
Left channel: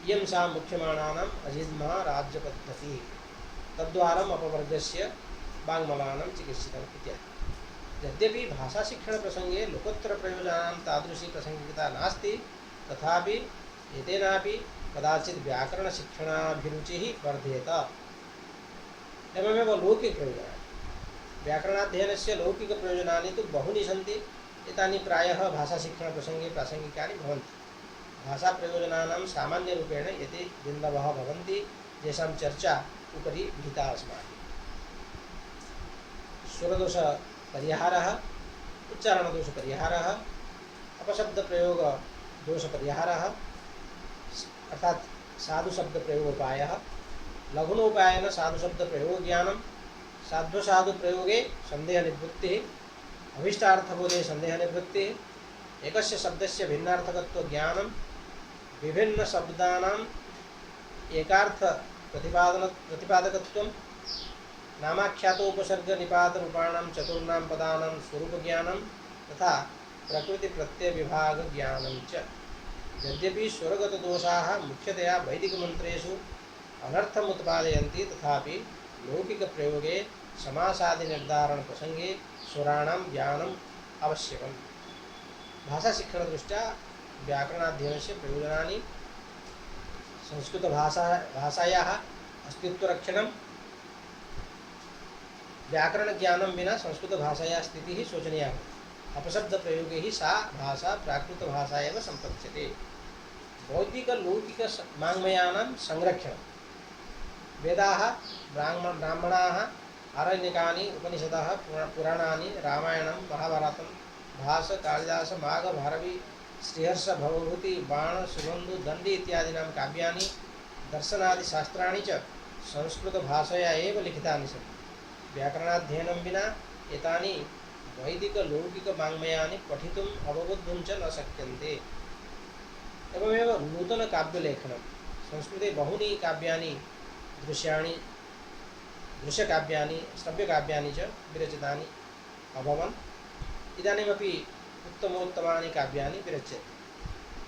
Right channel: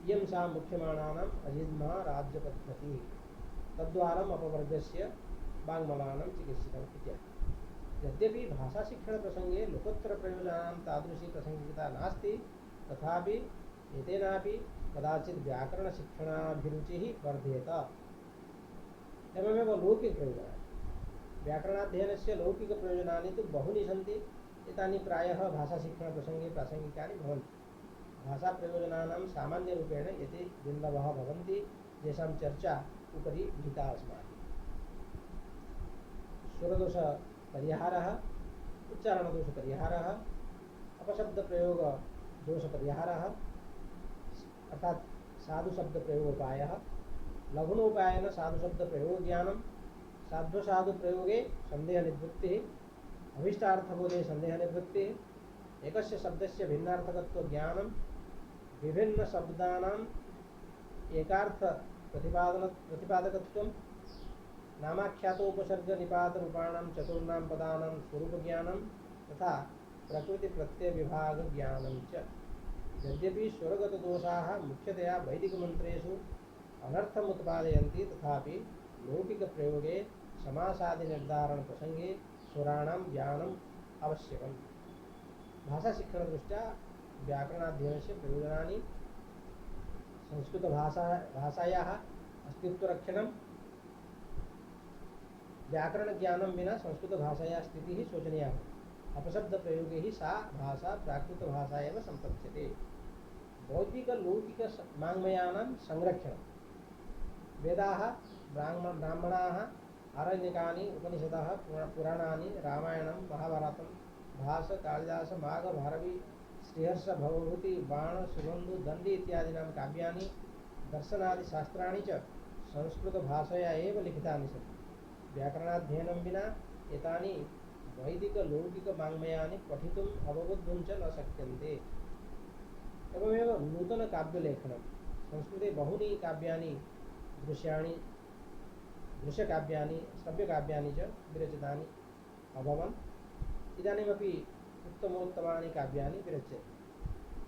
इयं सा मुख्यमाणानाम् अजिह्मा राज्यपद्धतिः। तद्वारम् अपवर्गस्य वाङ्मलानां चिकित्सितम् इत्यादि। यद्यपि भाषाशिक्षणप्रसङ्गे लोकोत्तरप्रयोजनानां तादृशी प्रसङ्गिकता नास्ति, तथापि एतेनापि कदाचित् व्याकरणशिक्षणाभिरुचिः वर्धेत। एवमेव लौकिकप्रयोजनानि, व्याकरणाध्ययनस्य लौकिकप्रयोजनानि तु बहूनि सन्ति। एतानि प्रायः भाषाशिक्षणप्रसङ्गे प्रासङ्गिकानि भवन्ति। भाषाप्रयोजनानां सामान्यरूपेण एते बिन्दवः भवन्ति, येषां चर्चा उपरि विहिता अस्माभिः। स्वरदोषपरिहारः, उच्चारणदोषपरिहारः, अपशब्दप्रयोगदोषपरिहारः अर्थात् साधुशब्दप्रयोगोपायः, लघुनोपायेन साधुशब्दप्रयोगज्ञानं, साध्वसाधुप्रयोगे सन्देहनिवृत्तिः, अभीष्टार्थबोधे सन्देहनिवृत्तिः, एकस्य शब्दस्य भिन्नार्थकत्वज्ञानं, विभिन्नशब्दानाम् एकार्थप्रतिपादकत्वं, नामाख्यातोपसर्गनिपातरूपाणां चतुर्णां पदानां स्वरूपज्ञानं तथा प्रकृतिप्रत्ययविभागज्ञानं च। यद्यपि स्वरगतदोषाः मुख्यतया वैदिकमन्त्रेषु अनर्थम् उत्पादयन्ति, तथापि लौकिकप्रयोगे समासादिनिर्धारणप्रसङ्गे स्वराणां ज्ञानम् आवश्यकम्। भाषाशिक्षणदृष्ट्या व्याकरणाध्ययनस्य प्रयोजनानि: संस्कृतभाषायाः अस्तित्वरक्षणं। व्याकरणज्ञानं विना संस्कृतभाषायाः स्थितिः शोचनीया भवति। अपशब्दप्रयोगे हि सा भाषा प्राकृतभाषा एव सम्पत्स्यते। बौद्धिकलौकिकवाङ्मयानां संरक्षणं: वेदाः, ब्राह्मणाः, आरण्यकानि, उपनिषदः, पुराणानि, रामायणं, महाभारतं, भास, कालिदास, माघ, भारवी, श्रीहर्ष, भवभूति, बाण, सुबन्धु, दण्डी इत्यादीनां काव्यानि, दर्शनादिशास्त्राणि च संस्कृतभाषया एव लिखितानि सन्ति। व्याकरणाध्ययनं विना एतानि वैदिकलौकिकवाङ्मयानि पठितुम् अवबोद्धुं च न शक्यन्ते। एवमेव नूतनकाव्यलेखनं: संस्कृते बहूनि काव्यानि, दृश्यकाव्यानि, श्रव्यकाव्यानि च विरचितानि अभवन्। इदानीमपि उत्तमोत्तमानि काव्यानि विरच्यन्ते।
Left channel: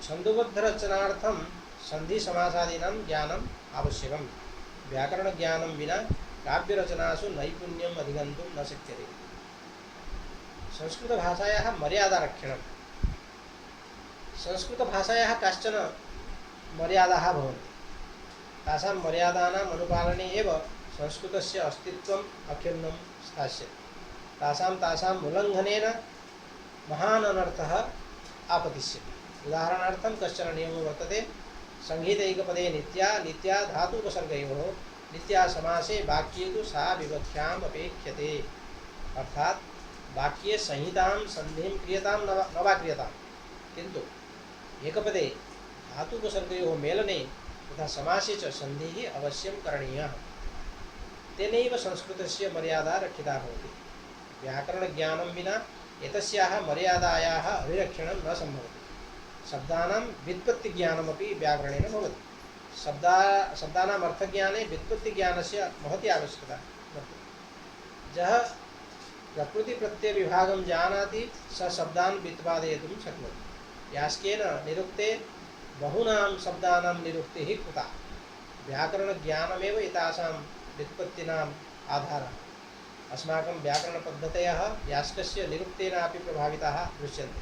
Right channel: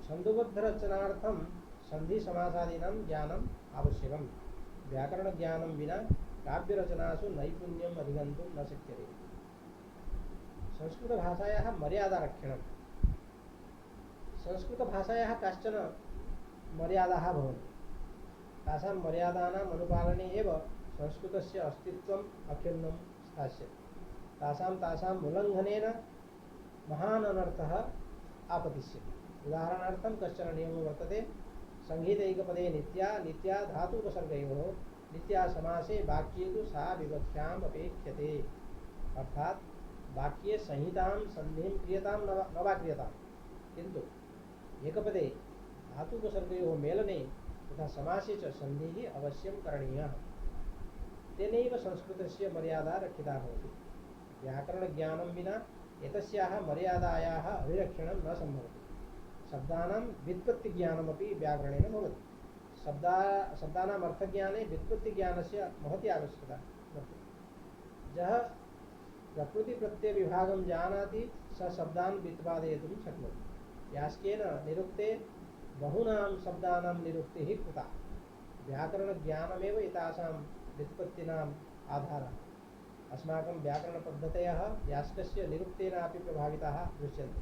छन्दोबद्धरचनार्थं सन्धिसमासादीनां ज्ञानम् आवश्यकं। व्याकरणज्ञानं विना काव्यरचनासु नैपुण्यम् अधिगन्तुं न शक्यते। संस्कृतभाषायाः मर्यादारक्षणं: संस्कृतभाषायाः काश्चन मर्यादाः भवन्ति। तासां मर्यादानाम् अनुपालने एव संस्कृतस्य अस्तित्वम् अखिन्नं स्थास्यति। तासाम् उल्लङ्घनेन महान् अनर्थः आपतिष्यति। उदाहरणार्थं कश्चन नियमो वर्तते: संहितैकपदे नित्या, नित्या धातुपसर्गयोः, नित्या समासे वाक्ये तु सा विवख्याम् अपेक्ष्यते। अर्थात् वाक्ये संहितां सन्धिं क्रियतां न वा क्रियतां, किन्तु एकपदे धातुपसर्गयोः मेलने तथा समासे च सन्धिः अवश्यं करणीयः। तेनैव संस्कृतस्य मर्यादा रक्षिता भवति। व्याकरणज्ञानं विना एतस्याः मर्यादायाः अभिरक्षणं न सम्भवति। शब्दानां व्युत्पत्तिज्ञानमपि व्याकरणेन भवति। शब्दानाम् अर्थज्ञाने व्युत्पत्तिज्ञानस्य महती आवश्यकता वर्तते। यः प्रकृतिप्रत्ययविभागं जानाति स शब्दान् व्युत्पादयितुं शक्नोति। यास्केन निरुक्ते बहूनां शब्दानां निरुक्तिः कृता। व्याकरणज्ञानमेव एतासां व्युत्पत्तीनाम् आधारः। अस्माकं व्याकरणपद्धतयः यास्कस्य निरुक्तेनापि प्रभाविताः दृश्यन्ते।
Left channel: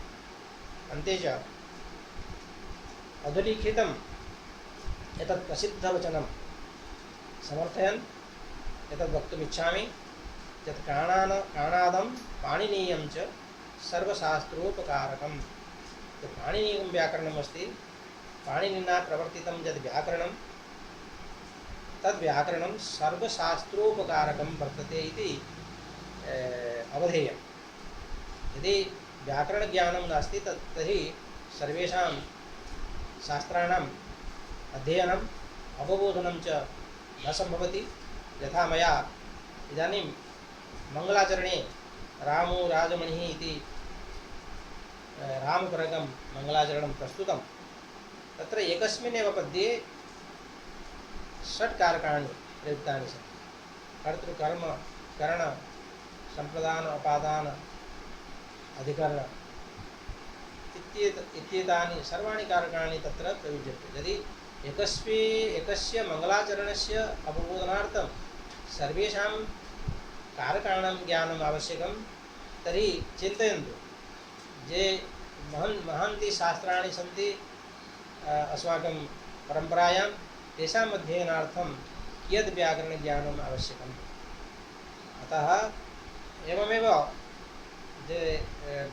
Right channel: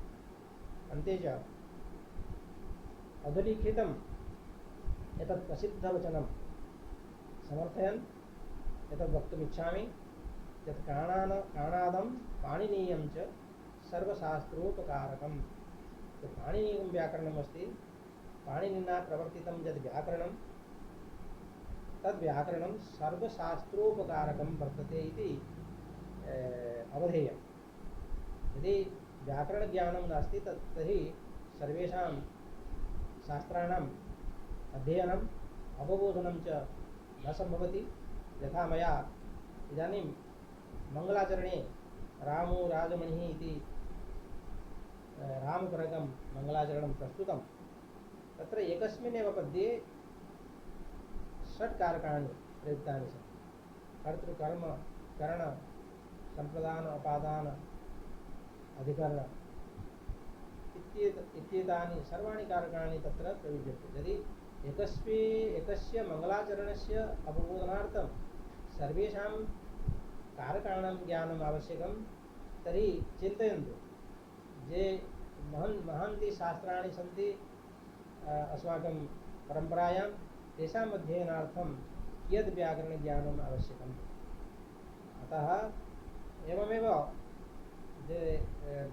अन्ते च अधुलिखितम् एतत् प्रसिद्धवचनं समर्थयन् एतद् वक्तुमिच्छामि यत् काणादं पाणिनीयं च सर्वशास्त्रोपकारकम्। पाणिनीयं व्याकरणमस्ति। पाणिनिना प्रवर्तितं यद् व्याकरणं तद्व्याकरणं सर्वशास्त्रोपकारकं वर्तते इति अवधेयम्। यदि व्याकरणज्ञानं नास्ति तर्हि सर्वेषां शास्त्राणाम् अध्ययनम् अवबोधनं च न सम्भवति। यथा मया इदानीं मङ्गलाचरणे रामो राजमणिः इति रामपरकं मङ्गलाचरणं प्रस्तुतं। तत्र एकस्मिन्नेव पद्ये षट् कारकाणि प्रयुक्तानि सन्ति। कर्तृ कर्म करण संप्रदान अपादान अधिकरण इत्येतानि सर्वाणि कारकाणि तत्र प्रयुज्यन्ते। यदि एकस्य मङ्गलाचरणस्य अवबोधनार्थं सर्वेषां कारकाणां ज्ञानम् आवश्यकं, तर्हि चिन्तयन्तु ये महान्ति शास्त्राणि सन्ति अस्माकं परम्परायां, तेषाम् अध्ययनार्थं कियद् व्याकरणज्ञानम् आवश्यकम्। अतः एवमेव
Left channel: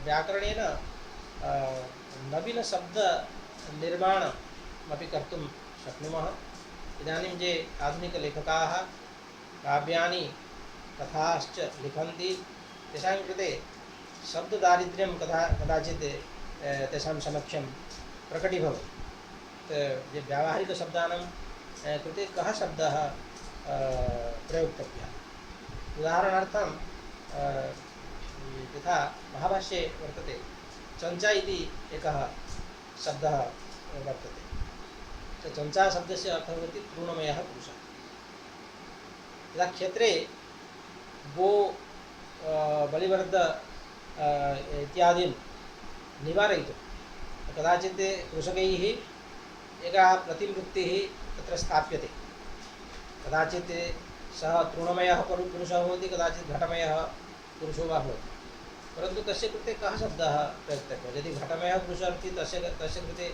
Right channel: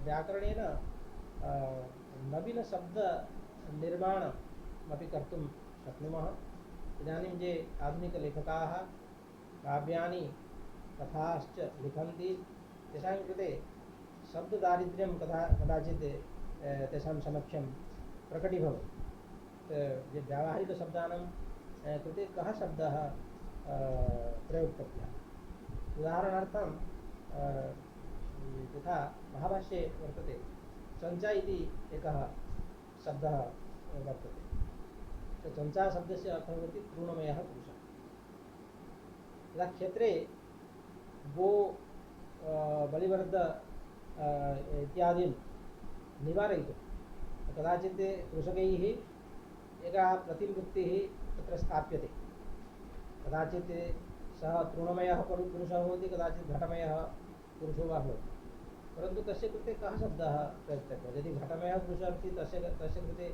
व्याकरणेन नवीनशब्दनिर्माणमपि कर्तुं शक्नुमः। इदानीं ये आधुनिकलेखकाः काव्यानि कथाश्च लिखन्ति, तेषां कृते शब्ददारिद्र्यं कदाचित् तेषां समक्षं प्रकटीभवति। ये व्यावहारिकशब्दानां कृते कः शब्दः प्रयोक्तव्यः। उदाहरणार्थं यथा महाभाष्ये वर्तते, चञ्चा इति एकः शब्दः वर्तते। चञ्चा शब्दस्य अर्थः भवति तृणमयः पुरुषः। यदा क्षेत्रे गो बलिवर्द इत्यादीन् निवारयितुं कदाचित् कृषकैः एका प्रतिवृत्तिः तत्र स्थाप्यते। कदाचित् सः तृणमयः पुरुषः भवति, कदाचित् घटमयः पुरुषो वा भवति। परन्तु तस्य कृते कः शब्दः प्रयुक्तव्यः। यदि घटमयः पुरुषः अस्ति, तस्य कृते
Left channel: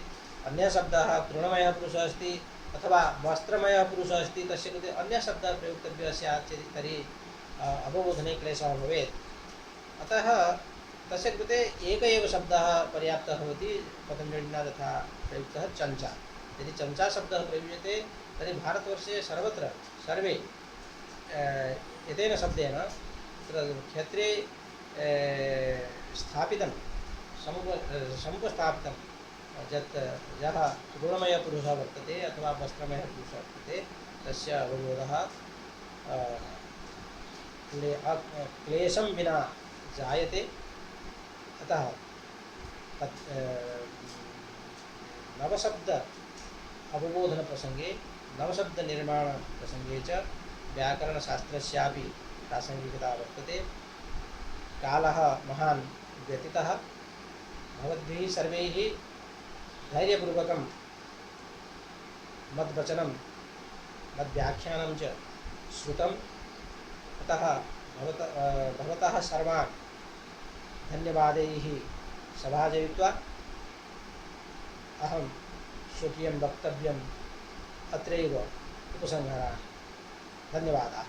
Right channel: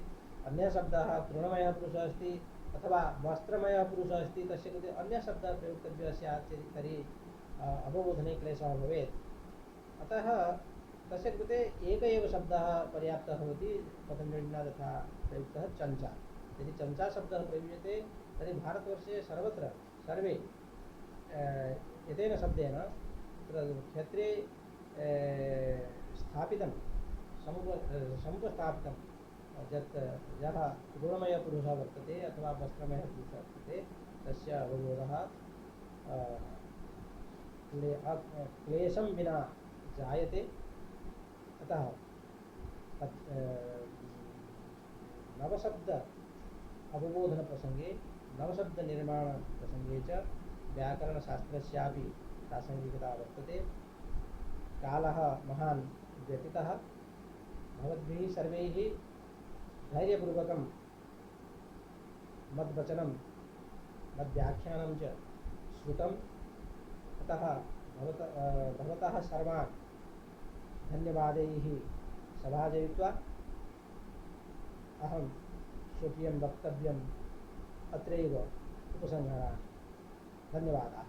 अन्यः शब्दः, तृणमयः पुरुषः अस्ति अथवा वस्त्रमयः पुरुषः अस्ति, तस्य कृते अन्यः शब्दः प्रयुक्तव्यः स्यात् चेत् तर्हि अवबोधने क्लेशः भवेत्। अतः तस्य कृते एक एव शब्दः पर्याप्तः भवति। पतञ्जलिना तथा प्रयुक्तः चञ्चा। यदि चञ्चा शब्दः प्रयुज्यते तर्हि भारतवर्षे सर्वत्र सर्वे एतेन शब्देन तत्र क्षेत्रे स्थापितं समुपस्थापितं यत् यः तृणमयपुरुषः वर्तते अथवा वस्त्रमयः पुरुषः वर्तते, तस्य अवबोधः क्लेशं विना जायते। अतः तत् नवशब्द अवबोधनप्रसङ्गे, नवशब्दनिर्माणप्रसङ्गे च व्याकरणशास्त्रस्यापि प्रासङ्गिकता वर्तते। कालः महान् व्यतीतः। भवद्भिः सर्वैः धैर्यपूर्वकं मद्वचनं मद्व्याख्यानं च श्रुतम्। अतः भवतः सर्वान् धन्यवादैः सभाजयित्वा अहं स्वकीयं वक्तव्यम् अत्रैव उपसंहरामि। धन्यवादाः।